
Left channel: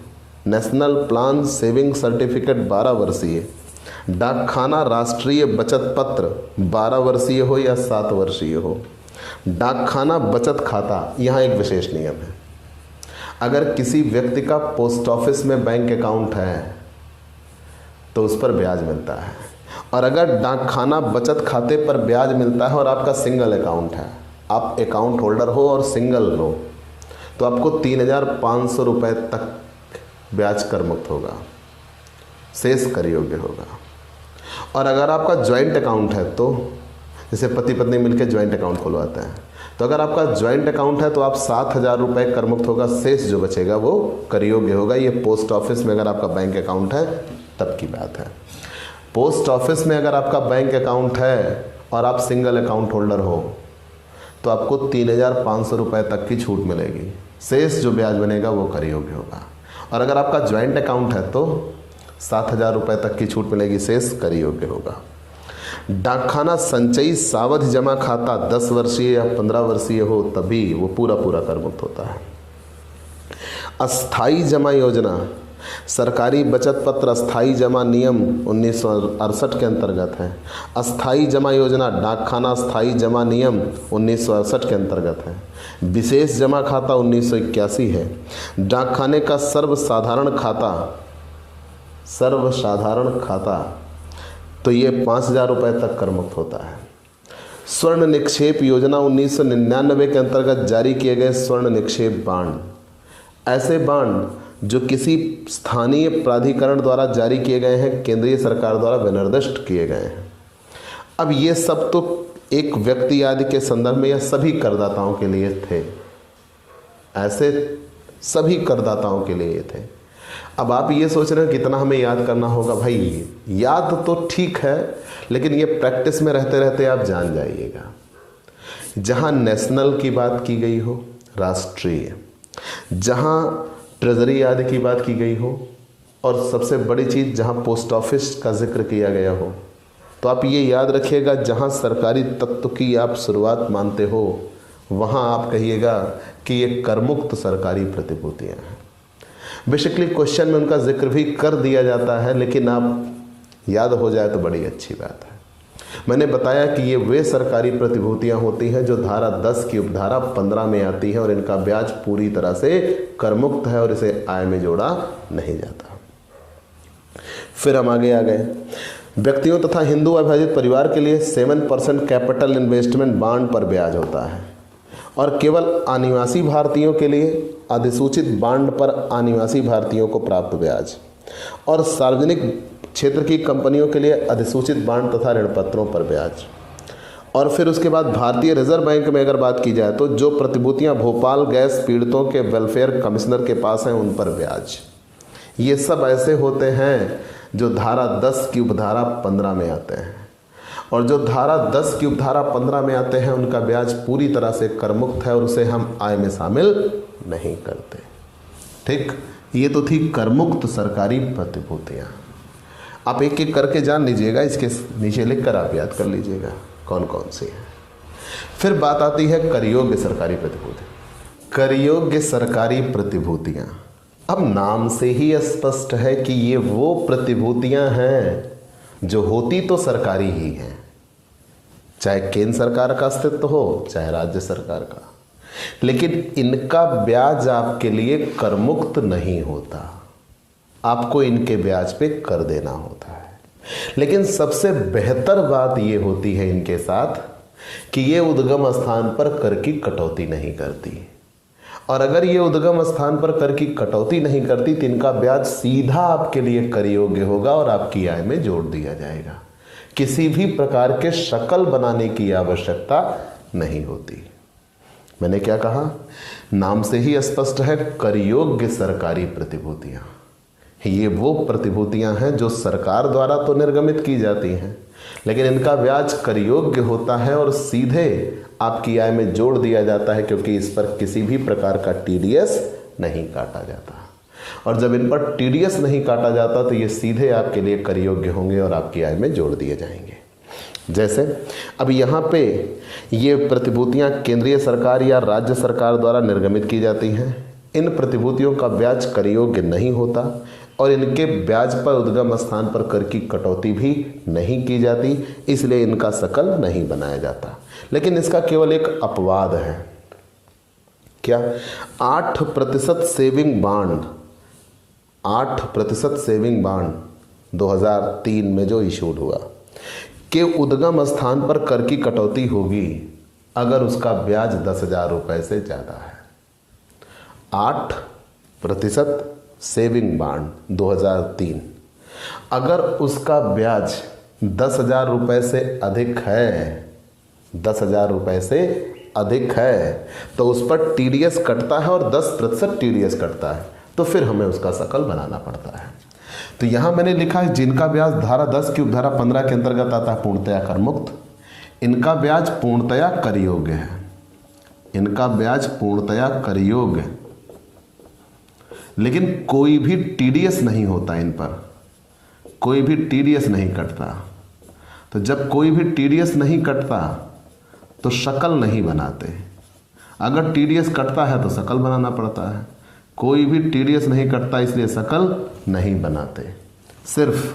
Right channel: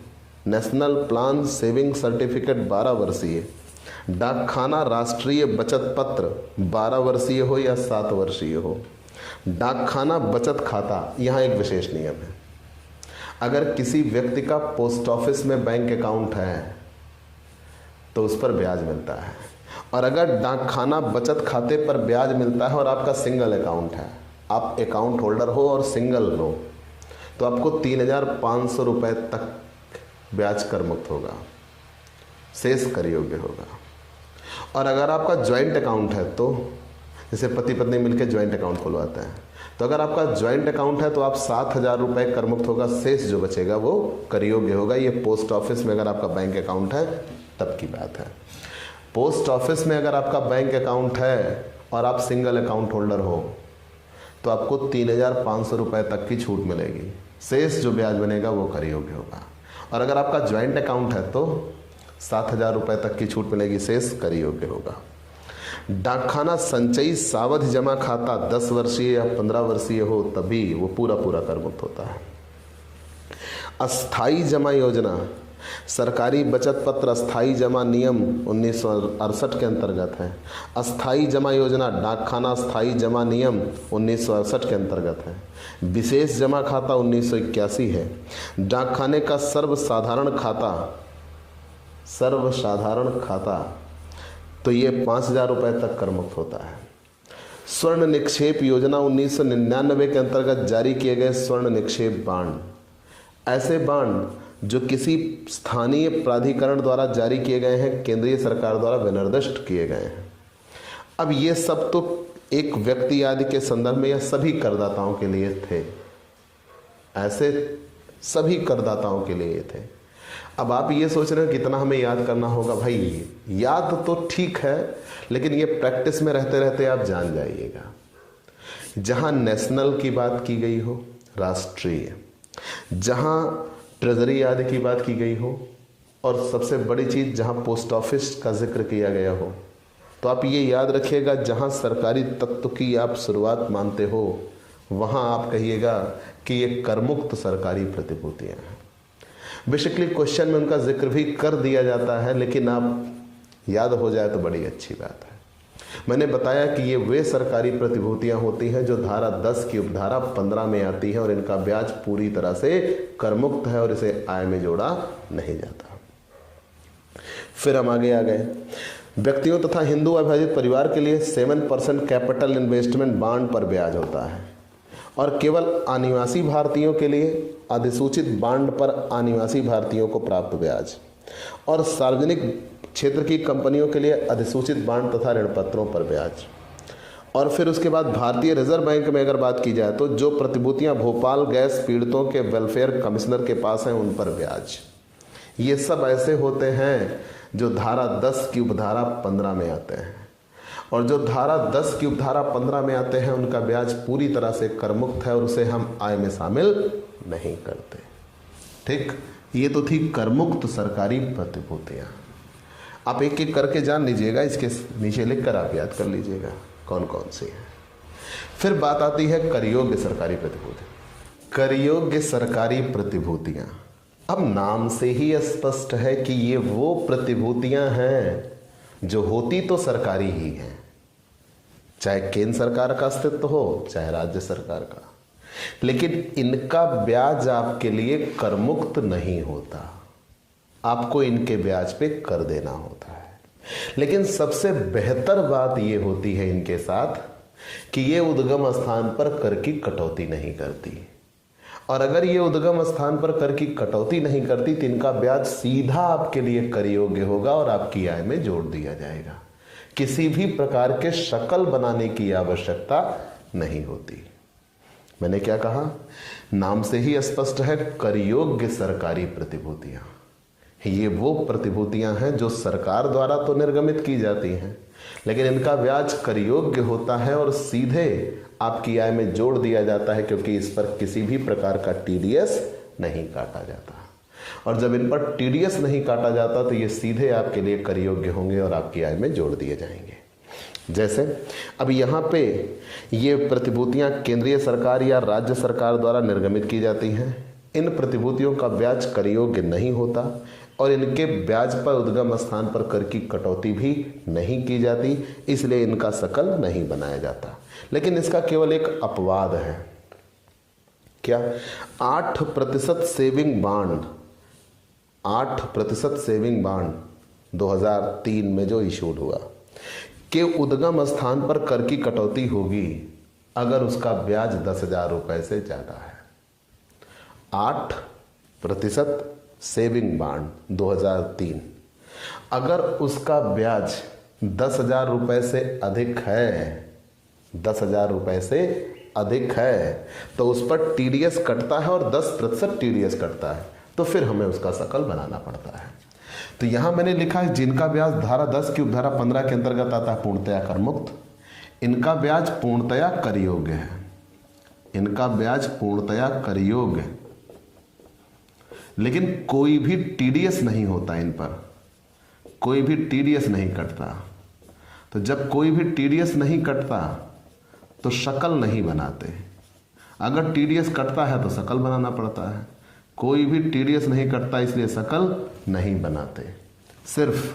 नेशनल प्लान सेविंग सर्टिफिकेट 12 वर्षीय, डाकखाना राष्ट्रीय बचत पत्र 12 वर्षीय हो या 7 वर्षीय हो। डाकखाना बचत खाता, यहाँ एक विशेष नियम है। अगर किसी व्यक्ति का पोस्ट ऑफिस में बैंक अकाउंट है तो उस पर ब्याज मिलता है, और अगर डाकखाना बचत खाते पर ब्याज मिलता है और आपका सिंगल अकाउंट है, आप अकाउंट होल्डर हो और सिंगल हो, तो आपको 3,500 रुपये तक ब्याज कर मुक्त होगा, शेष कर योग्य होगा। और अगर आपका ज्वाइंट अकाउंट है, तो जैसे पति पत्नी मिलकर ज्वाइंट अकाउंट खुलवाते हैं, तो अगर आपका ज्वाइंट अकाउंट है तो आप 7,000 रुपये कर मुक्त होगा, शेष जो बचेगा वो कर योग्य होगा। ये पोस्ट ऑफिस में अगर आपका बैंक अकाउंट है तब की बात है। पोस्ट ऑफिस में अगर आपका बैंक अकाउंट है और आप सिंगल अकाउंट होल्डर हो तो आपको 3,500 रुपये तक की छूट मिलेगी, शेष जो ब्याज बनेगा वो कर योग्य होगा। और अगर आपका ज्वाइंट अकाउंट है तो 7,000 रुपये तक की छूट मिलेगी, शेष कर योग्य होगा। डाकखाना संचयी सावधि जमा खाता 10 वर्षीय या 15 वर्षीय हो तभी वो पूरा कर मुक्त होता है। अस्थाई जमा योजना, सरकारी बचत पत्र अस्थाई जमा नियम 1968 के अंतर्गत है। अस्थाई जमा योजना डाकखाना अस्थाई जमा नियम 1968 के अंतर्गत है। विशेष जमा खाता 1981 है। डाकखाने का सर्वसाधारण खाता तो ये 5,000 रुपये तक कर मुक्त होता है। स्वर्ण निक्षेप योजना 1999 के अंतर्गत जारी किए गए स्वर्ण निक्षेप बांड, ऐसे बांड जो किसी स्थानीय प्राधिकरण द्वारा जारी किए गए हैं, केंद्रीय सरकार द्वारा विनिर्दिष्ट किए गए हैं। अब ये सब तो एक व्यक्ति आदि के संदर्भ में या सभी करदाताओं के लिए थे, ऐसे सभी करदाताओं के लिए ये थे। अब आप ये सोच रहे हो कितना हमें याद करना होगा। भाई याद तो ठीक है, लेकिन ये प्रैक्टिस में रहते रहते आप जान जाइएगा। जहां नेशनल की बात की गई हो, राष्ट्रीय, जहां ट्रेजरी आदि की बात की गई हो, और सबसे बड़ी चीज जहां पोस्ट ऑफिस का जिक्र किया गया हो, तो आप ये याद रखिएगा जहां सरकारी तत्व की आप शुरुआत मानते हो, वहां आप कहिएगा कि ये करमुक्त सरकारी प्रतिभूतियां हैं। बेसिकली क्वेश्चन में उनका जिक्र भी कर दिया जाता है, लेकिन आप याद हो जाए तो बड़ी अच्छी बात है। मैंने बताया कि ये वे सरकारी प्रतिभूतियां होती हैं जो धारा 10 की उपधारा 15 में आती है, और इनका ब्याज पूरी तरह से करमुक्त है और इसे आय में जोड़ा नहीं जाता। फिर हम आगे आ गए। व्यक्तियों तथा हिंदू अविभाजित परिवार के लिए 7% कैपिटल इन्वेस्टमेंट बॉन्ड पर ब्याज होता है, और केवल अनिवासी भारतीयों के लिए अधिसूचित बॉन्ड पर अनिवासी भारतीयों को प्राप्त ब्याज, और सार्वजनिक क्षेत्र की कंपनियों के लिए अधिसूचित बॉन्ड तथा ऋण पत्रों पर ब्याज। और फिर उसके बाद भारतीय रिजर्व बैंक में अगर बात की जाए तो जो प्रतिभूतियां भोपाल गैस पीड़ितों के वेलफेयर कमिश्नर के पास हैं उन पर ब्याज। ये सब ऐसे होते हैं जो धारा 10 की उपधारा 15 में आते हैं, और जो धारा 10 की उपधारा 15 में आते हैं उनका ब्याज पूरी तरह से करमुक्त है और उसे हम आय में शामिल नहीं करते। ठीक, ये तो थी करमुक्त सरकारी प्रतिभूतियां। आप एक एक करके जान लीजिएगा, इसके नीचे लिखकर आप याद कर लीजिएगा कौन कौन सी है। फिर बात आती है कर योग्य सरकारी प्रतिभूति। कर योग्य सरकारी प्रतिभूतियां, अब नाम से ही स्पष्ट है कि ये वो प्रतिभूतियां हैं जो होती तो सरकारी ही हैं, चाहे केंद्र सरकार का अस्तित्व हो चाहे राज्य सरकार का, लेकिन इनका ब्याज आपके लिए करमुक्त नहीं होता, आपको इनके ब्याज पे कर देना होता है। लेकिन सबसे बेहतर बात यह होती है इनके साथ कि ये उद्गम स्थान पर कर की कटौती नहीं करती, और अगर ये उद्गम स्थान पर कर की कटौती नहीं करती तो इनका ब्याज सीधा आपके लिए कर योग्य होगा और आपकी आय में जोड़ दिया जाएगा। किसी भी प्रकार के शकल बनाने की आवश्यकता नहीं होती। मैंने क्या कहा, नाम से ही स्पष्ट है, कर योग्य सरकारी प्रतिभूतियां। ये वो प्रतिभूतियां हैं जो सरकार द्वारा तो निर्गमित की जाती हैं, लेकिन इनका ब्याज कर योग्य होता है और सीधे आपकी आय में जोड़ दिया जाता है, क्योंकि इस पर किसी भी प्रकार का टीडीएस नहीं काटा जाता। और जब इन पर टीडीएस नहीं काटा जाता तो ये सीधे आपके लिए कर योग्य होंगे और आपकी आय में जोड़ दिए जाएंगे। जैसे अब यहाँ पे ये प्रतिभूतियां केंद्रीय सरकार या राज्य सरकार द्वारा निर्गमित की जाती हैं। इन प्रतिभूतियों का ब्याज कर योग्य नहीं होता और इनके ब्याज पर उद्गम स्थान पर कर की कटौती भी नहीं की जाती, इसलिए इनका शकल नहीं बनाया जाता। लेकिन इसका केवल एक अपवाद है। क्या? 8% सेविंग बॉन्ड, 8% सेविंग बॉन्ड 2003 में जो इशूड हुआ के उद्गम स्थान पर कर की कटौती होगी अगर उसका ब्याज 10,000 रुपए से ज्यादा है। 8% सेविंग बॉन्ड 2003, अगर उसका ब्याज 10,000 रुपए से अधिक है, 10,000 रुपए से अधिक है, तो उस पर टीडीएस कटता है और 10% टीडीएस कटता है, तो फिर हमें उसका शकल बनाना पड़ता है। तो यहां मैंने लिखा है जिनका ब्याज धारा 10 की उपधारा 15 के अंतर्गत आता है पूर्णतया कर मुक्त, इनका ब्याज पूर्णतया कर योग्य है, इनका ब्याज पूर्णतया कर योग्य, लेकिन कोई भी टीडीएस नहीं होता, इन पर कोई भी टीडीएस नहीं कटता। तो जब कोई भी टीडीएस नहीं कटता तो शकल नहीं बनाते, अगर टीडीएस कटता है तो शकल बनाना पड़ता है। कोई भी टीडीएस नहीं कटता इसलिए शकल नहीं बनाते। सिर्फ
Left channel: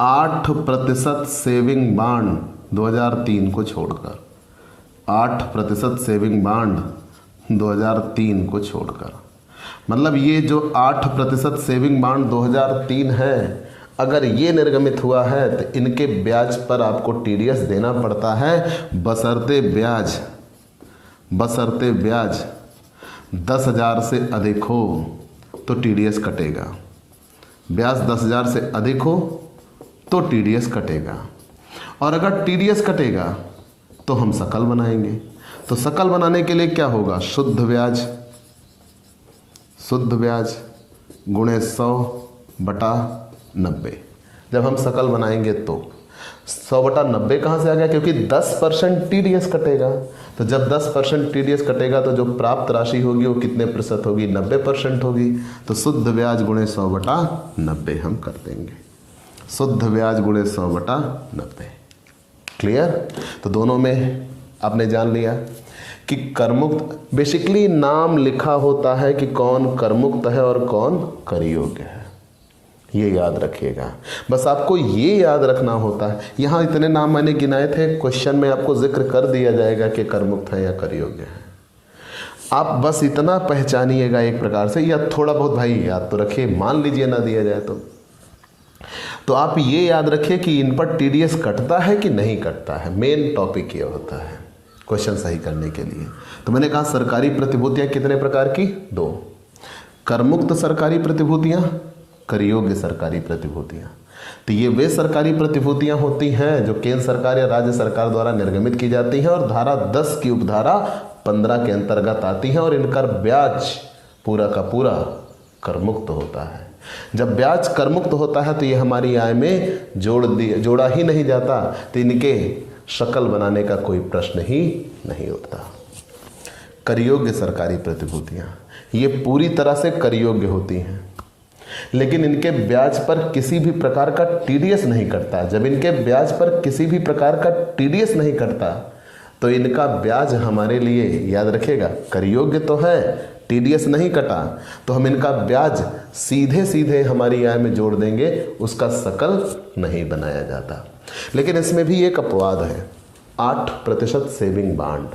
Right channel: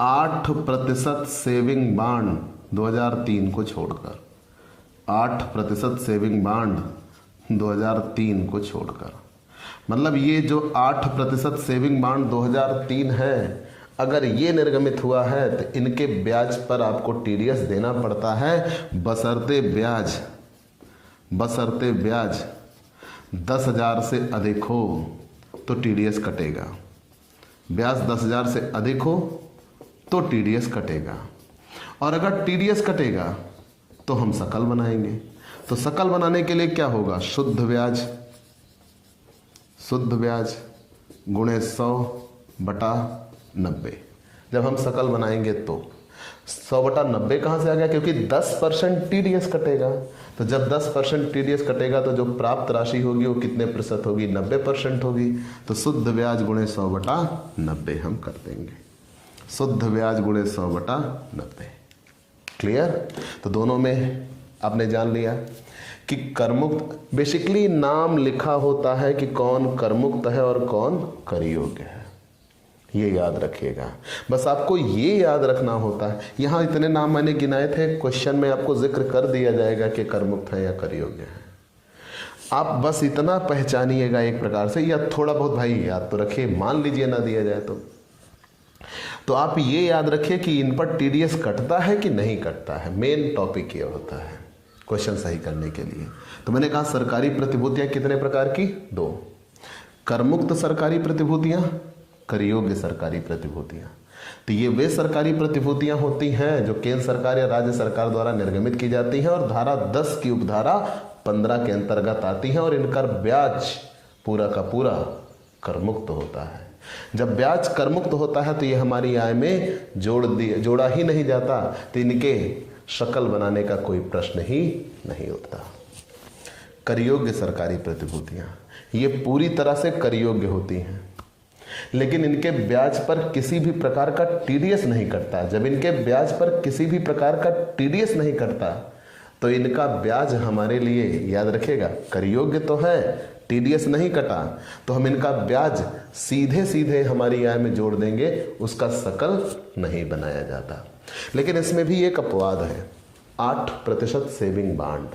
8% सेविंग बॉन्ड 2003 को छोड़कर, 8% सेविंग बॉन्ड 2003 को छोड़कर, मतलब ये जो 8% सेविंग बॉन्ड 2003 है, अगर ये निर्गमित हुआ है तो इनके ब्याज पर आपको टीडीएस देना पड़ता है, बशर्ते ब्याज 10,000 से अधिक हो तो टीडीएस कटेगा, ब्याज 10,000 से अधिक हो तो टीडीएस कटेगा, और अगर टीडीएस कटेगा तो हम शकल बनाएंगे। तो सकल बनाने के लिए क्या होगा, शुद्ध ब्याज गुणे 100/90। जब हम सकल बनाएंगे तो 100/90 कहां से आ गया, क्योंकि 10% टीडीएस कटेगा। तो जब 10% टीडीएस कटेगा तो जो प्राप्त राशि होगी वो कितने प्रतिशत होगी, 90% होगी। तो शुद्ध ब्याज गुणे 100/90 हम कर देंगे, शुद्ध ब्याज गुणे 100/90। क्लियर। तो दोनों में आपने जान लिया कि करमुक्त, बेसिकली नाम लिखा होता है कि कौन करमुक्त है और कौन कर योग्य है, ये याद रखिएगा। बस आपको ये याद रखना होता है। यहां इतने नाम मैंने गिनाए थे, क्वेश्चन में आपको जिक्र कर दिया जाएगा कि करमुक्त है या कर योग्य है। आप बस इतना पहचानिएगा एक प्रकार से, या थोड़ा बहुत भाई याद तो रखिए, मान लीजिए ना दिया जाए तो आप ये याद रखिए कि इन पर टीडीएस कटता है कि नहीं कटता है। मेन टॉपिक ये होता है क्वेश्चन सही करने के लिए। तो मैंने कहा सरकारी प्रतिभूतियां कितने प्रकार की, 2, करमुक्त सरकारी प्रतिभूतियां, कर योग्य सरकारी प्रतिभूतियां। तो ये वे सरकारी प्रतिभूतियां होती हैं जो केंद्र सरकार या राज्य सरकार द्वारा निर्गमित की जाती हैं और धारा 10 की उपधारा 15 के अंतर्गत आती हैं, और इनका ब्याज पूरा का पूरा करमुक्त होता है। जब ब्याज करमुक्त होता है तो ये हमारी आय में जोड़ा ही नहीं जाता, तो इनके शकल बनाने का कोई प्रश्न ही नहीं उठता। कर योग्य सरकारी प्रतिभूतियां ये पूरी तरह से कर योग्य होती हैं, लेकिन इनके ब्याज पर किसी भी प्रकार का टीडीएस नहीं कटता। जब इनके ब्याज पर किसी भी प्रकार का टीडीएस नहीं कटता तो इनका ब्याज हमारे लिए, याद रखिएगा, कर योग्य तो है, टीडीएस नहीं कटा, तो हम इनका ब्याज सीधे सीधे हमारी आय में जोड़ देंगे, उसका सकल नहीं बनाया जाता। लेकिन इसमें भी एक अपवाद है, 8% सेविंग बॉन्ड।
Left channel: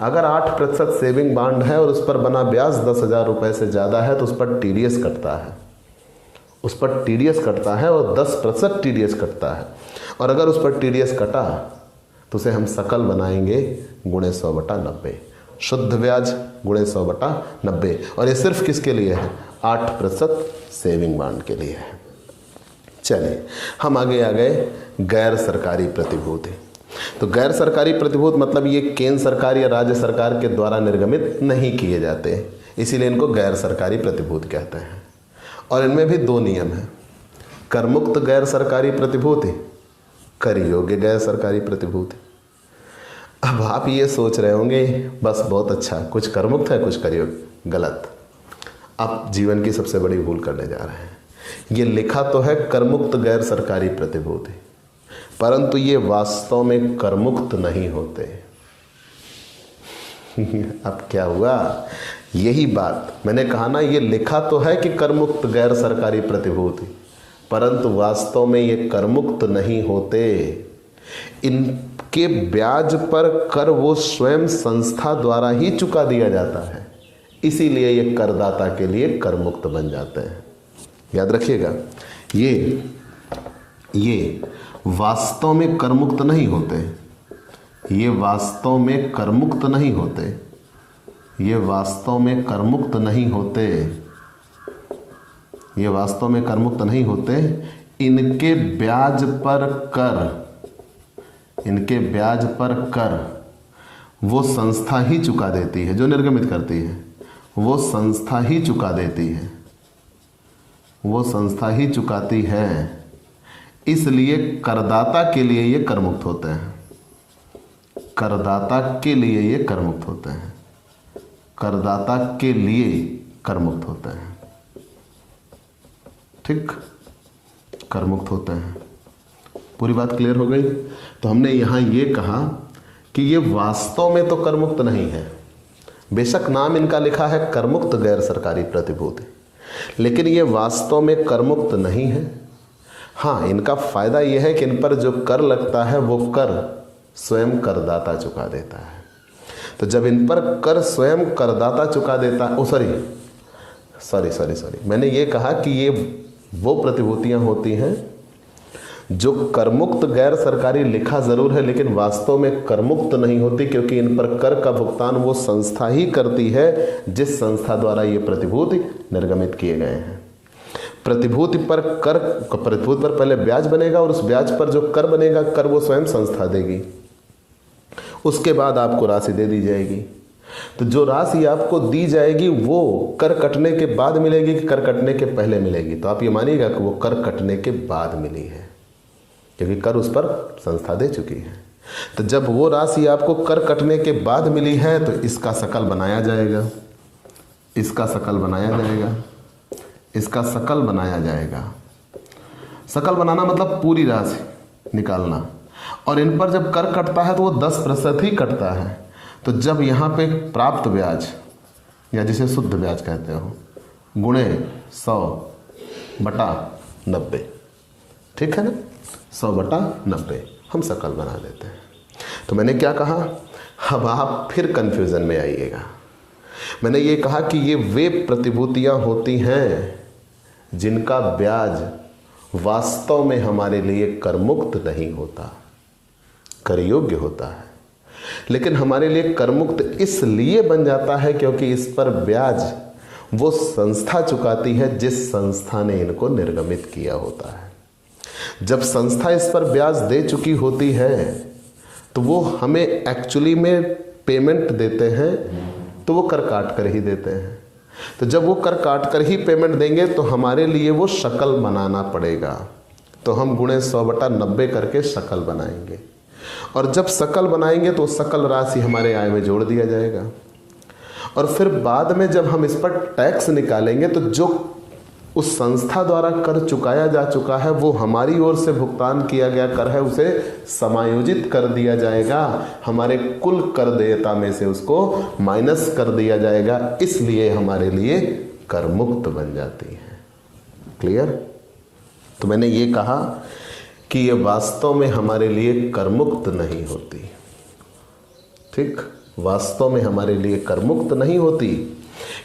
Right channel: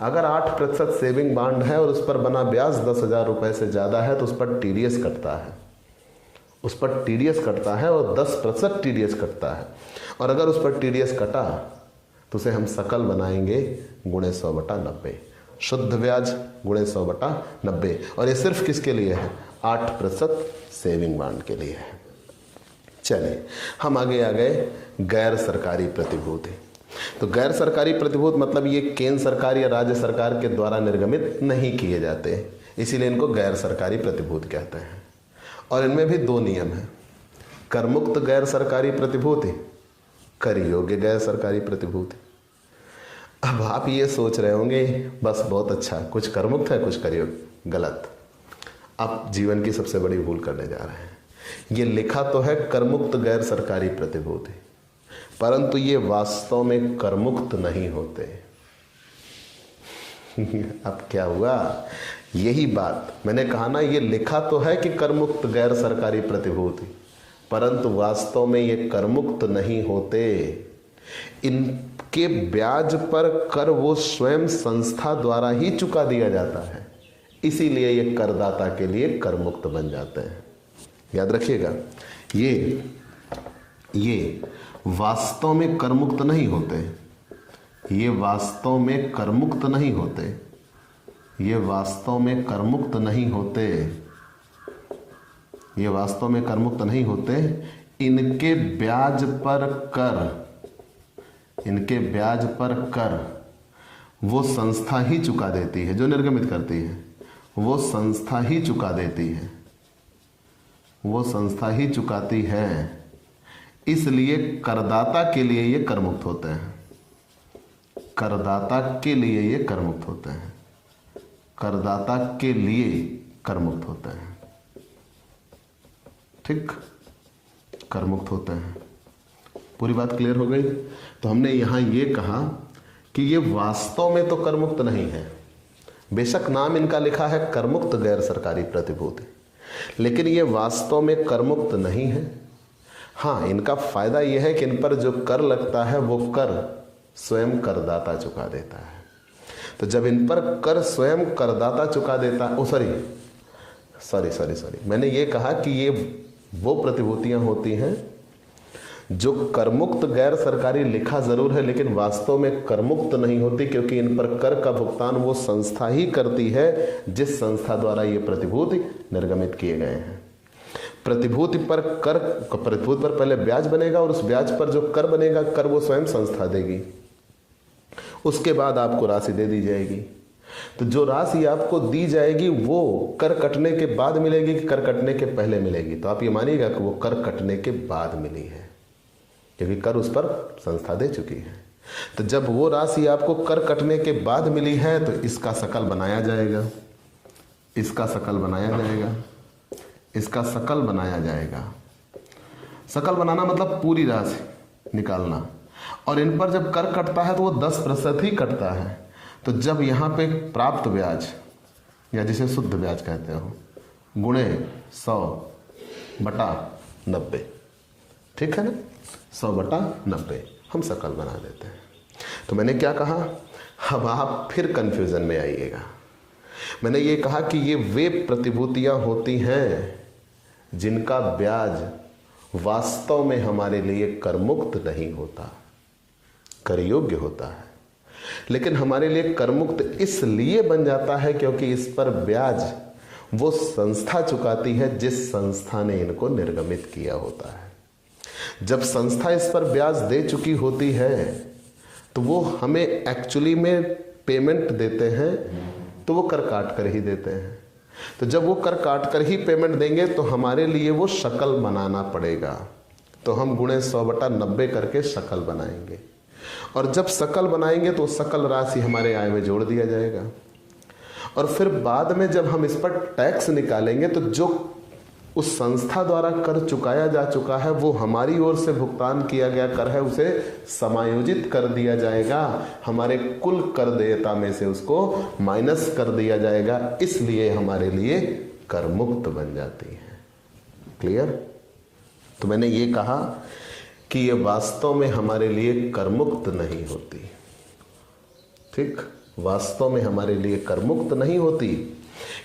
अगर 8% सेविंग बॉन्ड है और उस पर बना ब्याज 10,000 रुपए से ज्यादा है तो उस पर टीडीएस कटता है, उस पर टीडीएस कटता है और 10% टीडीएस कटता है। और अगर उस पर टीडीएस कटा तो उसे हम सकल बनाएंगे गुणे 100/90, शुद्ध ब्याज गुणे 100/90। और ये सिर्फ किसके लिए है, 8% सेविंग बॉन्ड के लिए है। चलिए हम आगे आ गए गैर सरकारी प्रतिभूति। तो गैर सरकारी प्रतिभूति मतलब ये केंद्र सरकार या राज्य सरकार के द्वारा निर्गमित नहीं किए जाते, इसीलिए इनको गैर सरकारी प्रतिभूति कहते हैं। और इनमें भी 2 नियम हैं, करमुक्त गैर सरकारी प्रतिभूति, कर योग्य गैर सरकारी प्रतिभूति। अब आप ये सोच रहे होंगे बस बहुत अच्छा, कुछ करमुक्त है कुछ कर योग्य। गलत, आप जीवन की सबसे बड़ी भूल करने जा रहे हैं। ये लिखा तो है करमुक्त गैर सरकारी प्रतिभूति, परंतु ये वास्तव में करमुक्त नहीं होते। अब क्या हुआ, यही बात मैंने कहा ना, ये लिखा तो है कि करमुक्त गैर सरकारी प्रतिभूति, परंतु वास्तव में ये करमुक्त नहीं होते। इनके ब्याज पर कर वो स्वयं संस्था द्वारा ही चुका दिया जाता है, इसीलिए ये करदाता के लिए करमुक्त बन जाते हैं। याद रखिएगा, ये वास्तव में करमुक्त नहीं होते, ये वास्तव में करमुक्त नहीं होते, ये वास्तव में करमुक्त नहीं होते, ये वास्तव में करमुक्त नहीं होते। इनके ब्याज पर कर, इनके ब्याज पर कर वो संस्था ही चुका देती है जो निर्गमित करती है, वो संस्था ही चुका देती है, वो संस्था ही चुकाती है। इसलिए करदाता के लिए ये करमुक्त होते हैं, करदाता के लिए ये करमुक्त होते हैं, करदाता के लिए करमुक्त होते हैं। ठीक, करमुक्त होते हैं। पूरी बात क्लियर हो गई। तो हमने यहां ये कहा कि ये वास्तव में तो करमुक्त नहीं है, बेशक नाम इनका लिखा है करमुक्त गैर सरकारी प्रतिभूति, लेकिन ये वास्तव में करमुक्त नहीं है। हाँ, इनका फायदा यह है कि इन पर जो कर लगता है वो कर स्वयं करदाता चुका देता है। तो जब इन पर कर स्वयं करदाता चुका देता है, सॉरी मैंने ये कहा कि ये वो प्रतिभूतियां होती हैं जो करमुक्त गैर सरकारी लिखा जरूर है लेकिन वास्तव में करमुक्त नहीं होती, क्योंकि इन पर कर का भुगतान वो संस्था ही करती है जिस संस्था द्वारा ये प्रतिभूति निर्गमित किए गए हैं। प्रतिभूति पर पहले ब्याज बनेगा और उस ब्याज पर जो कर बनेगा, कर वो स्वयं संस्था देगी। उसके बाद आपको राशि दे दी जाएगी। तो जो राशि आपको दी जाएगी वो कर कटने के बाद मिलेगी कि कर कटने के पहले मिलेगी? तो आप ये मानिएगा कि वो कर कटने के बाद मिली है, क्योंकि कर उस पर संस्था दे चुकी है। तो जब वो राशि आपको कर कटने के बाद मिली है तो इसका सकल बनाया जाएगा, इसका सकल बनाया जाएगा, इसका सकल बनाया जाएगा। सकल बनाना मतलब पूरी राशि निकालना। और इन पर जब कर कटता है तो वो 10% ही कटता है। तो जब यहाँ पे प्राप्त ब्याज या जिसे शुद्ध ब्याज कहते हो गुणे 100/90, ठीक है ना, 100/90 हम सकल बना देते हैं। तो मैंने क्या कहा, अब आप फिर कंफ्यूजन में आइएगा। मैंने ये कहा कि ये वे प्रतिभूतियां होती हैं जिनका ब्याज वास्तव में हमारे लिए कर मुक्त नहीं होता, कर योग्य होता है। लेकिन हमारे लिए कर मुक्त इसलिए बन जाता है क्योंकि इस पर ब्याज वो संस्था चुकाती है जिस संस्था ने इनको निर्गमित किया होता है। जब संस्था इस पर ब्याज दे चुकी होती है तो वो हमें एक्चुअली में पेमेंट देते हैं, तो वो कर काट कर ही देते हैं। तो जब वो कर काट कर ही पेमेंट देंगे तो हमारे लिए वो शकल बनाना पड़ेगा। तो हम गुणे 100/90 करके शकल बनाएंगे, और जब शकल बनाएंगे तो सकल राशि हमारे आय में जोड़ दिया जाएगा। और फिर बाद में जब हम इस पर टैक्स निकालेंगे तो जो उस संस्था द्वारा कर चुकाया जा चुका है वो हमारी ओर से भुगतान किया गया कर है, उसे समायोजित कर दिया जाएगा, हमारे कुल कर देयता में से उसको माइनस कर दिया जाएगा। इसलिए हमारे लिए कर मुक्त बन जाती है। क्लियर? तो मैंने ये कहा कि ये वास्तव में हमारे लिए कर मुक्त नहीं होती। ठीक, वास्तव में हमारे लिए कर मुक्त नहीं होती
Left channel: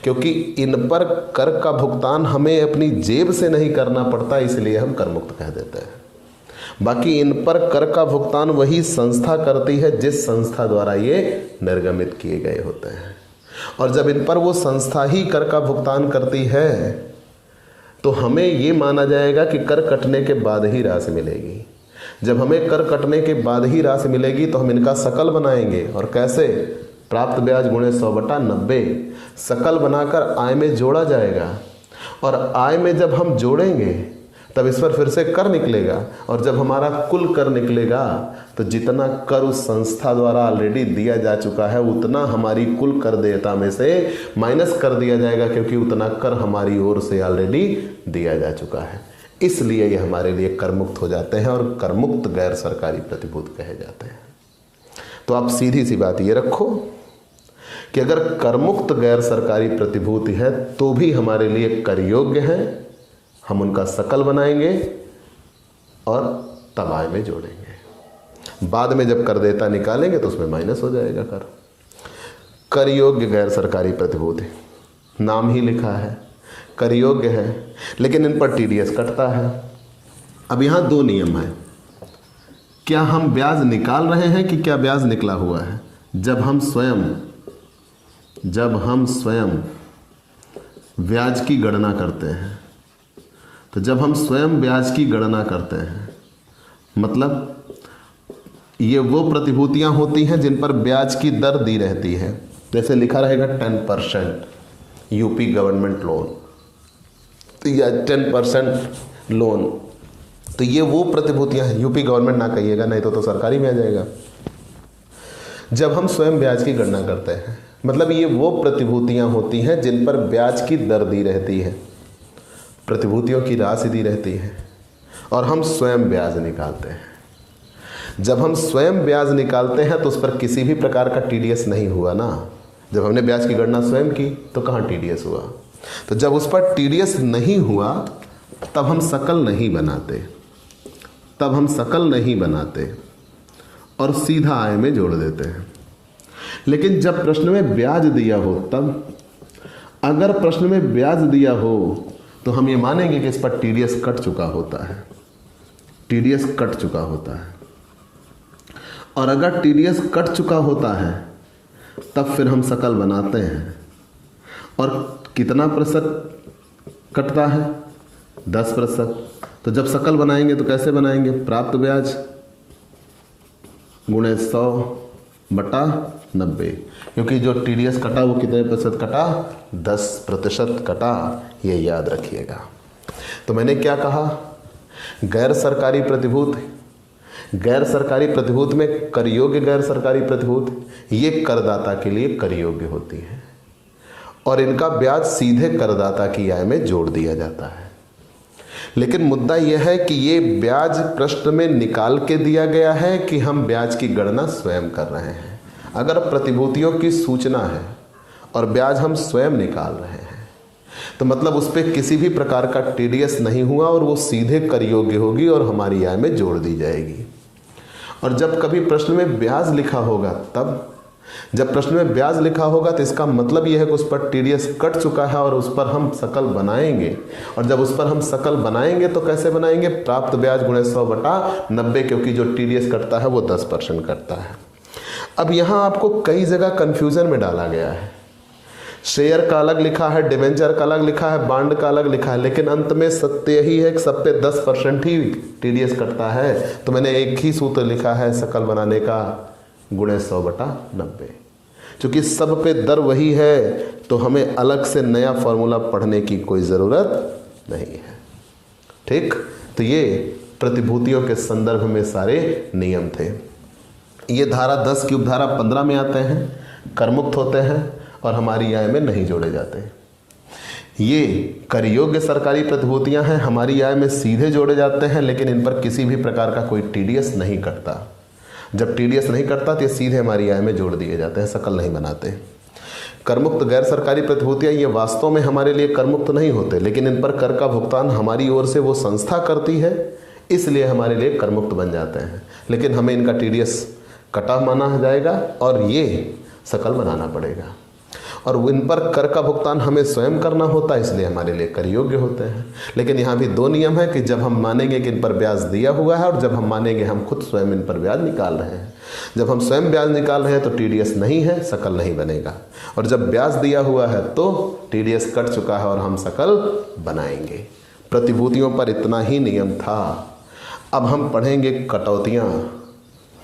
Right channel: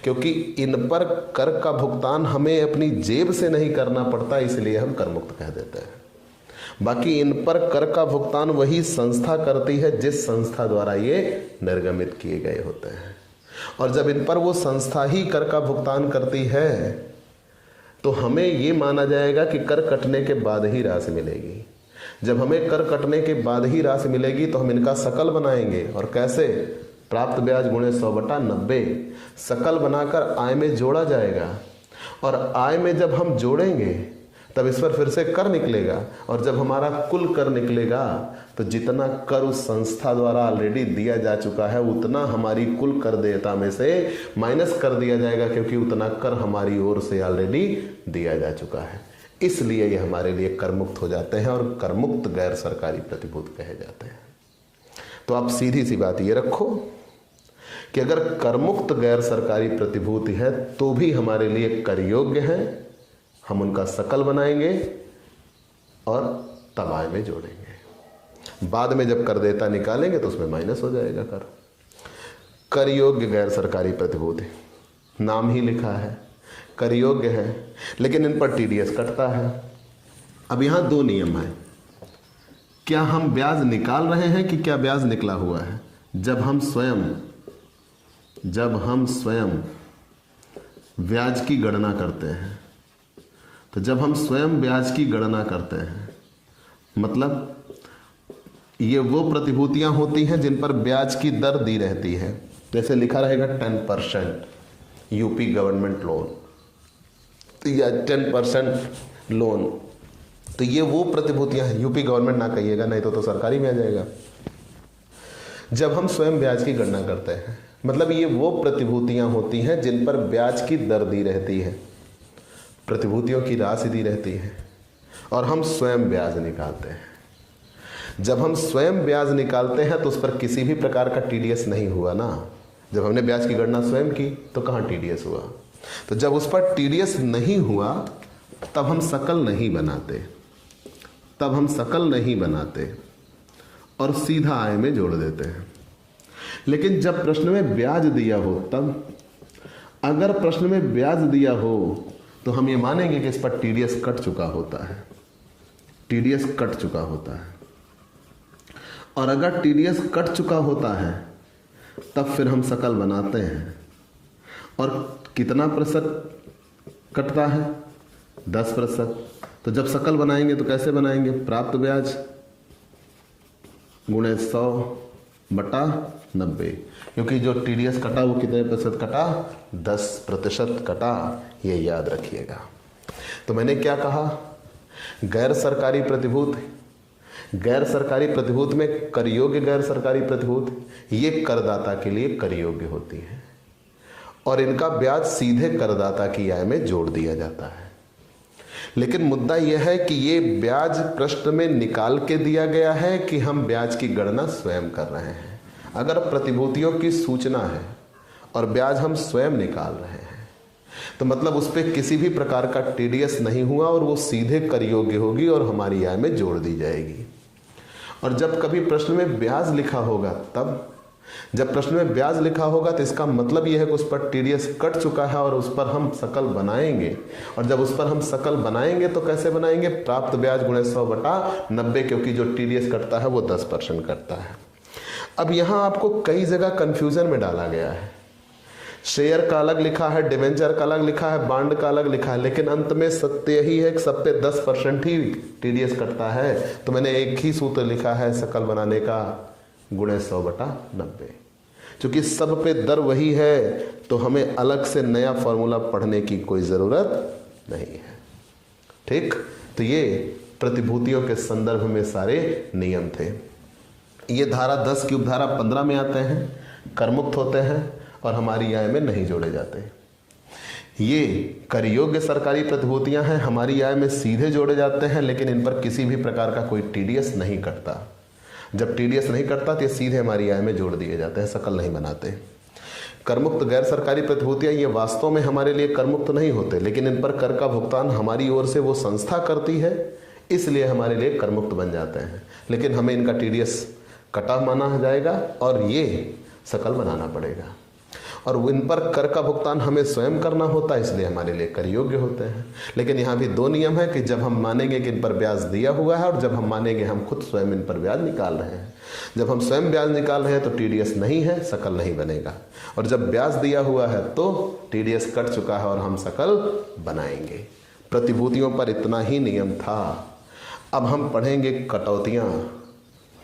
क्योंकि इन पर कर का भुगतान हमें अपनी जेब से नहीं करना पड़ता, इसलिए हम कर मुक्त कह देते हैं। बाकी इन पर कर का भुगतान वही संस्था करती है जिस संस्था द्वारा ये निर्गमित किए गए होते हैं। और जब इन पर वो संस्था ही कर का भुगतान करती है तो हमें ये माना जाएगा कि कर कटने के बाद ही राशि मिलेगी। जब हमें कर कटने के बाद ही राशि मिलेगी तो हम इनका सकल बनाएंगे। और कैसे? प्राप्त ब्याज गुणे 100/90 सकल बनाकर आय में जोड़ा जाएगा। और आय में जब हम जोड़ेंगे तब इस पर फिर से कर निकलेगा, और जब हमारा कुल कर निकलेगा तो जितना कर उस संस्था द्वारा ऑलरेडी दिया जा चुका है उतना हमारी कुल कर देयता में से माइनस कर दिया जाएगा, क्योंकि उतना कर हमारी ओर से ऑलरेडी दिया जा चुका है। इसलिए ये हमारे लिए कर मुक्त हो जाते हैं और कर मुक्त गैर सरकारी प्रतिभूति कहे जाते हैं। तो आप सीधी सी बात ये रखो कि अगर कर मुक्त गैर सरकारी प्रतिभूति है तो भी हमारे लिए कर योग्य है, हम उनका सकल बनाएंगे और तब आय में जोड़ेंगे। बाद में जब कर देयता निकालेंगे तो उसमें माइनस हो जाएगा कर। कर योग्य गैर सरकारी प्रतिभूति, नाम ही लिखा है कर योग्य है, लेकिन इन पर टीडीएस कटता है। अब यहां दो नियम है, क्या हम ब्याज निकाल रहे हैं कि क्या ब्याज निकला हुआ है? जब हम स्वयं ब्याज की गणना करते हैं, तो जब हम स्वयं ब्याज की गणना करते हैं मतलब ये वो प्रतिभूतियां होती हैं जिन पर ब्याज की दर दी रहती है। जैसे लिखा रहेगा 10% यूपी गवर्नमेंट लोन या 10% लोन, तो ये वो प्रतिभूतियां हैं। यूपी गवर्नमेंट ना कहिएगा, नहीं तो सरकारी में आ जाएगा। जब हम स्वयं ब्याज की गणना करते हैं मतलब ये वो प्रतिभूतियां होती हैं जिन पर ब्याज की दर दी रहती है, प्रतिभूतियों की राशि दी रहती है, और हम स्वयं ब्याज निकालते हैं। जब हम स्वयं ब्याज निकालते हैं तो उस पर किसी भी प्रकार का टीडीएस नहीं हुआ ना। जब हमने ब्याज की गणना स्वयं की तो कहाँ टीडीएस हुआ? तो जब उस पर टीडीएस नहीं हुआ तब हम सकल नहीं बनाते, और सीधा आय में जोड़ देते हैं। लेकिन जब प्रश्न में ब्याज दिया हो तब, अगर प्रश्न में ब्याज दिया हो तो हम ये मानेंगे कि इस पर टीडीएस कट चुका होता है। और अगर टीडीएस कट चुका होता है तब फिर हम सकल बनाते हैं। और कितना प्रतिशत कटता है? 10%। तो जब सकल बनाएंगे तो कैसे बनाएंगे? प्राप्त ब्याज गुणे 100 10/90, क्योंकि जो TDS कटा वो कितने प्रतिशत कटा, 10% कटा, ये याद रखिएगा। तो मैंने क्या कहा, गैर सरकारी प्रतिभूत में कर योग्य गैर सरकारी प्रतिभूत ये करदाता के लिए कर योग्य होती है और इनका ब्याज सीधे करदाता की आय में जोड़ दिया जाता है। लेकिन मुद्दा यह है कि ये ब्याज प्रश्न में निकाल के दिया गया है कि हम ब्याज की गणना स्वयं कर रहे हैं। अगर प्रतिभूतियों की सूचना है और ब्याज हम स्वयं निकाल रहे हैं तो मतलब उस पर किसी भी प्रकार का TDS नहीं हुआ और वो सीधे कर योग्य होगी और हमारी आय में जोड़ दी जाएगी। और जब कभी प्रश्न में ब्याज लिखा होगा तो इसका मतलब यह है कि उस पर TDS कट चुका है और उस पर हम सकल बनाएंगे। और जब उस पर हम सकल बनाएंगे तो कैसे बनाएंगे, प्राप्त ब्याज गुणे 100/90, क्योंकि जो TDS कटता है वो 10% कटता है। अब यहां आपको कई जगह कंफ्यूजन में डाला गया है। शेयर का अलग लिखा है, डिवेंचर का अलग लिखा है, बांड का अलग लिखा है, लेकिन अंत में सत्य यही है कि सब पे 10% ही TDS कटता है। तो मैंने एक ही सूत्र लिखा है सकल बनाने का, गुणे 100/90। क्योंकि सब पे दर वही है तो हमें अलग से नया फॉर्मूला पढ़ने की कोई जरूरत नहीं है। ठीक, तो ये प्रतिभूतियों के संदर्भ में सारे नियम थे। ये धारा 10 की उपधारा 15 में आते हैं, करमुक्त होते हैं और हमारी आय में नहीं जोड़े जाते। ये कर योग्य सरकारी प्रतिभूतियां हैं, हमारी आय में सीधे जोड़े जाते हैं, लेकिन इन पर किसी भी प्रकार का कोई TDS नहीं कटता। जब TDS नहीं कटता तो ये सीधे हमारी आय में जोड़ दिए जाते हैं, सकल नहीं बनाते। करमुक्त गैर सरकारी प्रतिभूतियां ये वास्तव में हमारे लिए करमुक्त नहीं होते, लेकिन इन पर कर का भुगतान हमारी ओर से वो संस्था करती है, इसलिए हमारे लिए करमुक्त बन जाते हैं। लेकिन हमें इनका TDS कटा माना जाएगा और ये सकल बनाना पड़ेगा। और इन पर कर का भुगतान हमें स्वयं करना होता है, इसलिए हमारे लिए कर योग्य होते हैं। लेकिन यहाँ भी 2 नियम है कि जब हम मानेंगे कि इन पर ब्याज दिया हुआ है और जब हम मानेंगे हम खुद स्वयं इन पर ब्याज निकाल रहे हैं। जब हम स्वयं ब्याज निकाल रहे हैं तो TDS नहीं है, सकल नहीं बनेगा। और जब ब्याज दिया हुआ है तो TDS कट चुका है और हम सकल बनाएंगे। प्रतिभूतियों पर इतना ही नियम था। अब हम पढ़ेंगे कटौतियाँ,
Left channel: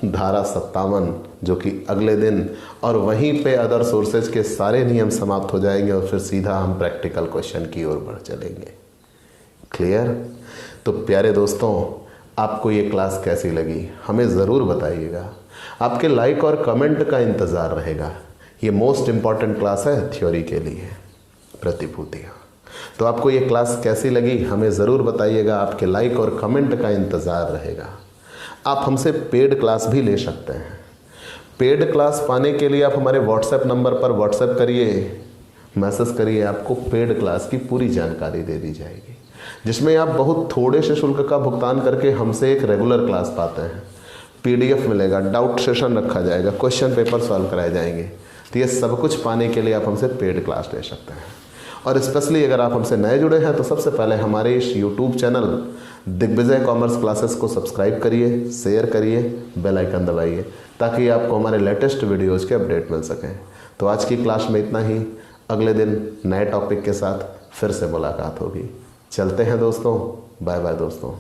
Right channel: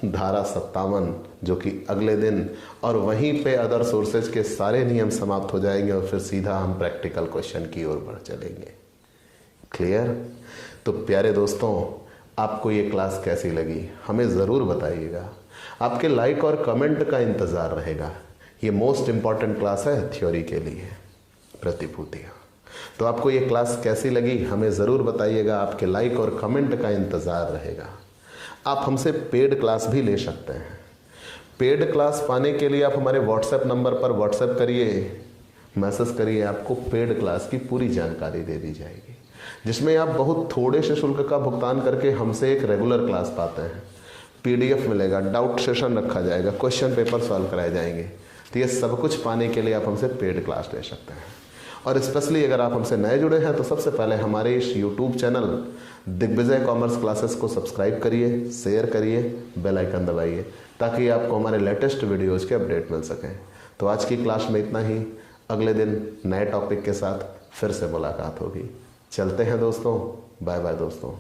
धारा 57, जो कि अगले दिन, और वहीं पे अदर सोर्सेज के सारे नियम समाप्त हो जाएंगे और फिर सीधा हम प्रैक्टिकल क्वेश्चन की ओर बढ़ चलेंगे। क्लियर? तो प्यारे दोस्तों, आपको ये क्लास कैसी लगी हमें ज़रूर बताइएगा। आपके लाइक और कमेंट का इंतज़ार रहेगा। ये मोस्ट इम्पॉर्टेंट क्लास है थ्योरी के लिए, प्रतिभूतियाँ। तो आपको ये क्लास कैसी लगी हमें ज़रूर बताइएगा। आपके लाइक और कमेंट का इंतज़ार रहेगा। आप हमसे पेड क्लास भी ले सकते हैं। पेड क्लास पाने के लिए आप हमारे व्हाट्सएप नंबर पर व्हाट्सएप करिए, मैसेज करिए, आपको पेड क्लास की पूरी जानकारी दे दी जाएगी, जिसमें आप बहुत थोड़े से शुल्क का भुगतान करके हमसे एक रेगुलर क्लास पाते हैं। PDF मिलेगा, डाउट सेशन रखा जाएगा, क्वेश्चन पेपर सॉल्व कराए जाएंगे। तो ये सब कुछ पाने के लिए आप हमसे पेड क्लास ले सकते हैं। और स्पेशली अगर आप हमसे नए जुड़े हैं तो सबसे पहले हमारे इस YouTube channel Digvijay Commerce Classes को सब्सक्राइब करिए, शेयर करिए, बेल आइकन दबाइए, ताकि आपको हमारे लेटेस्ट वीडियोज़ के अपडेट मिल सकें। तो आज की क्लास में इतना ही। अगले दिन नए टॉपिक के साथ फिर से मुलाकात होगी। चलते हैं दोस्तों, बाय बाय दोस्तों।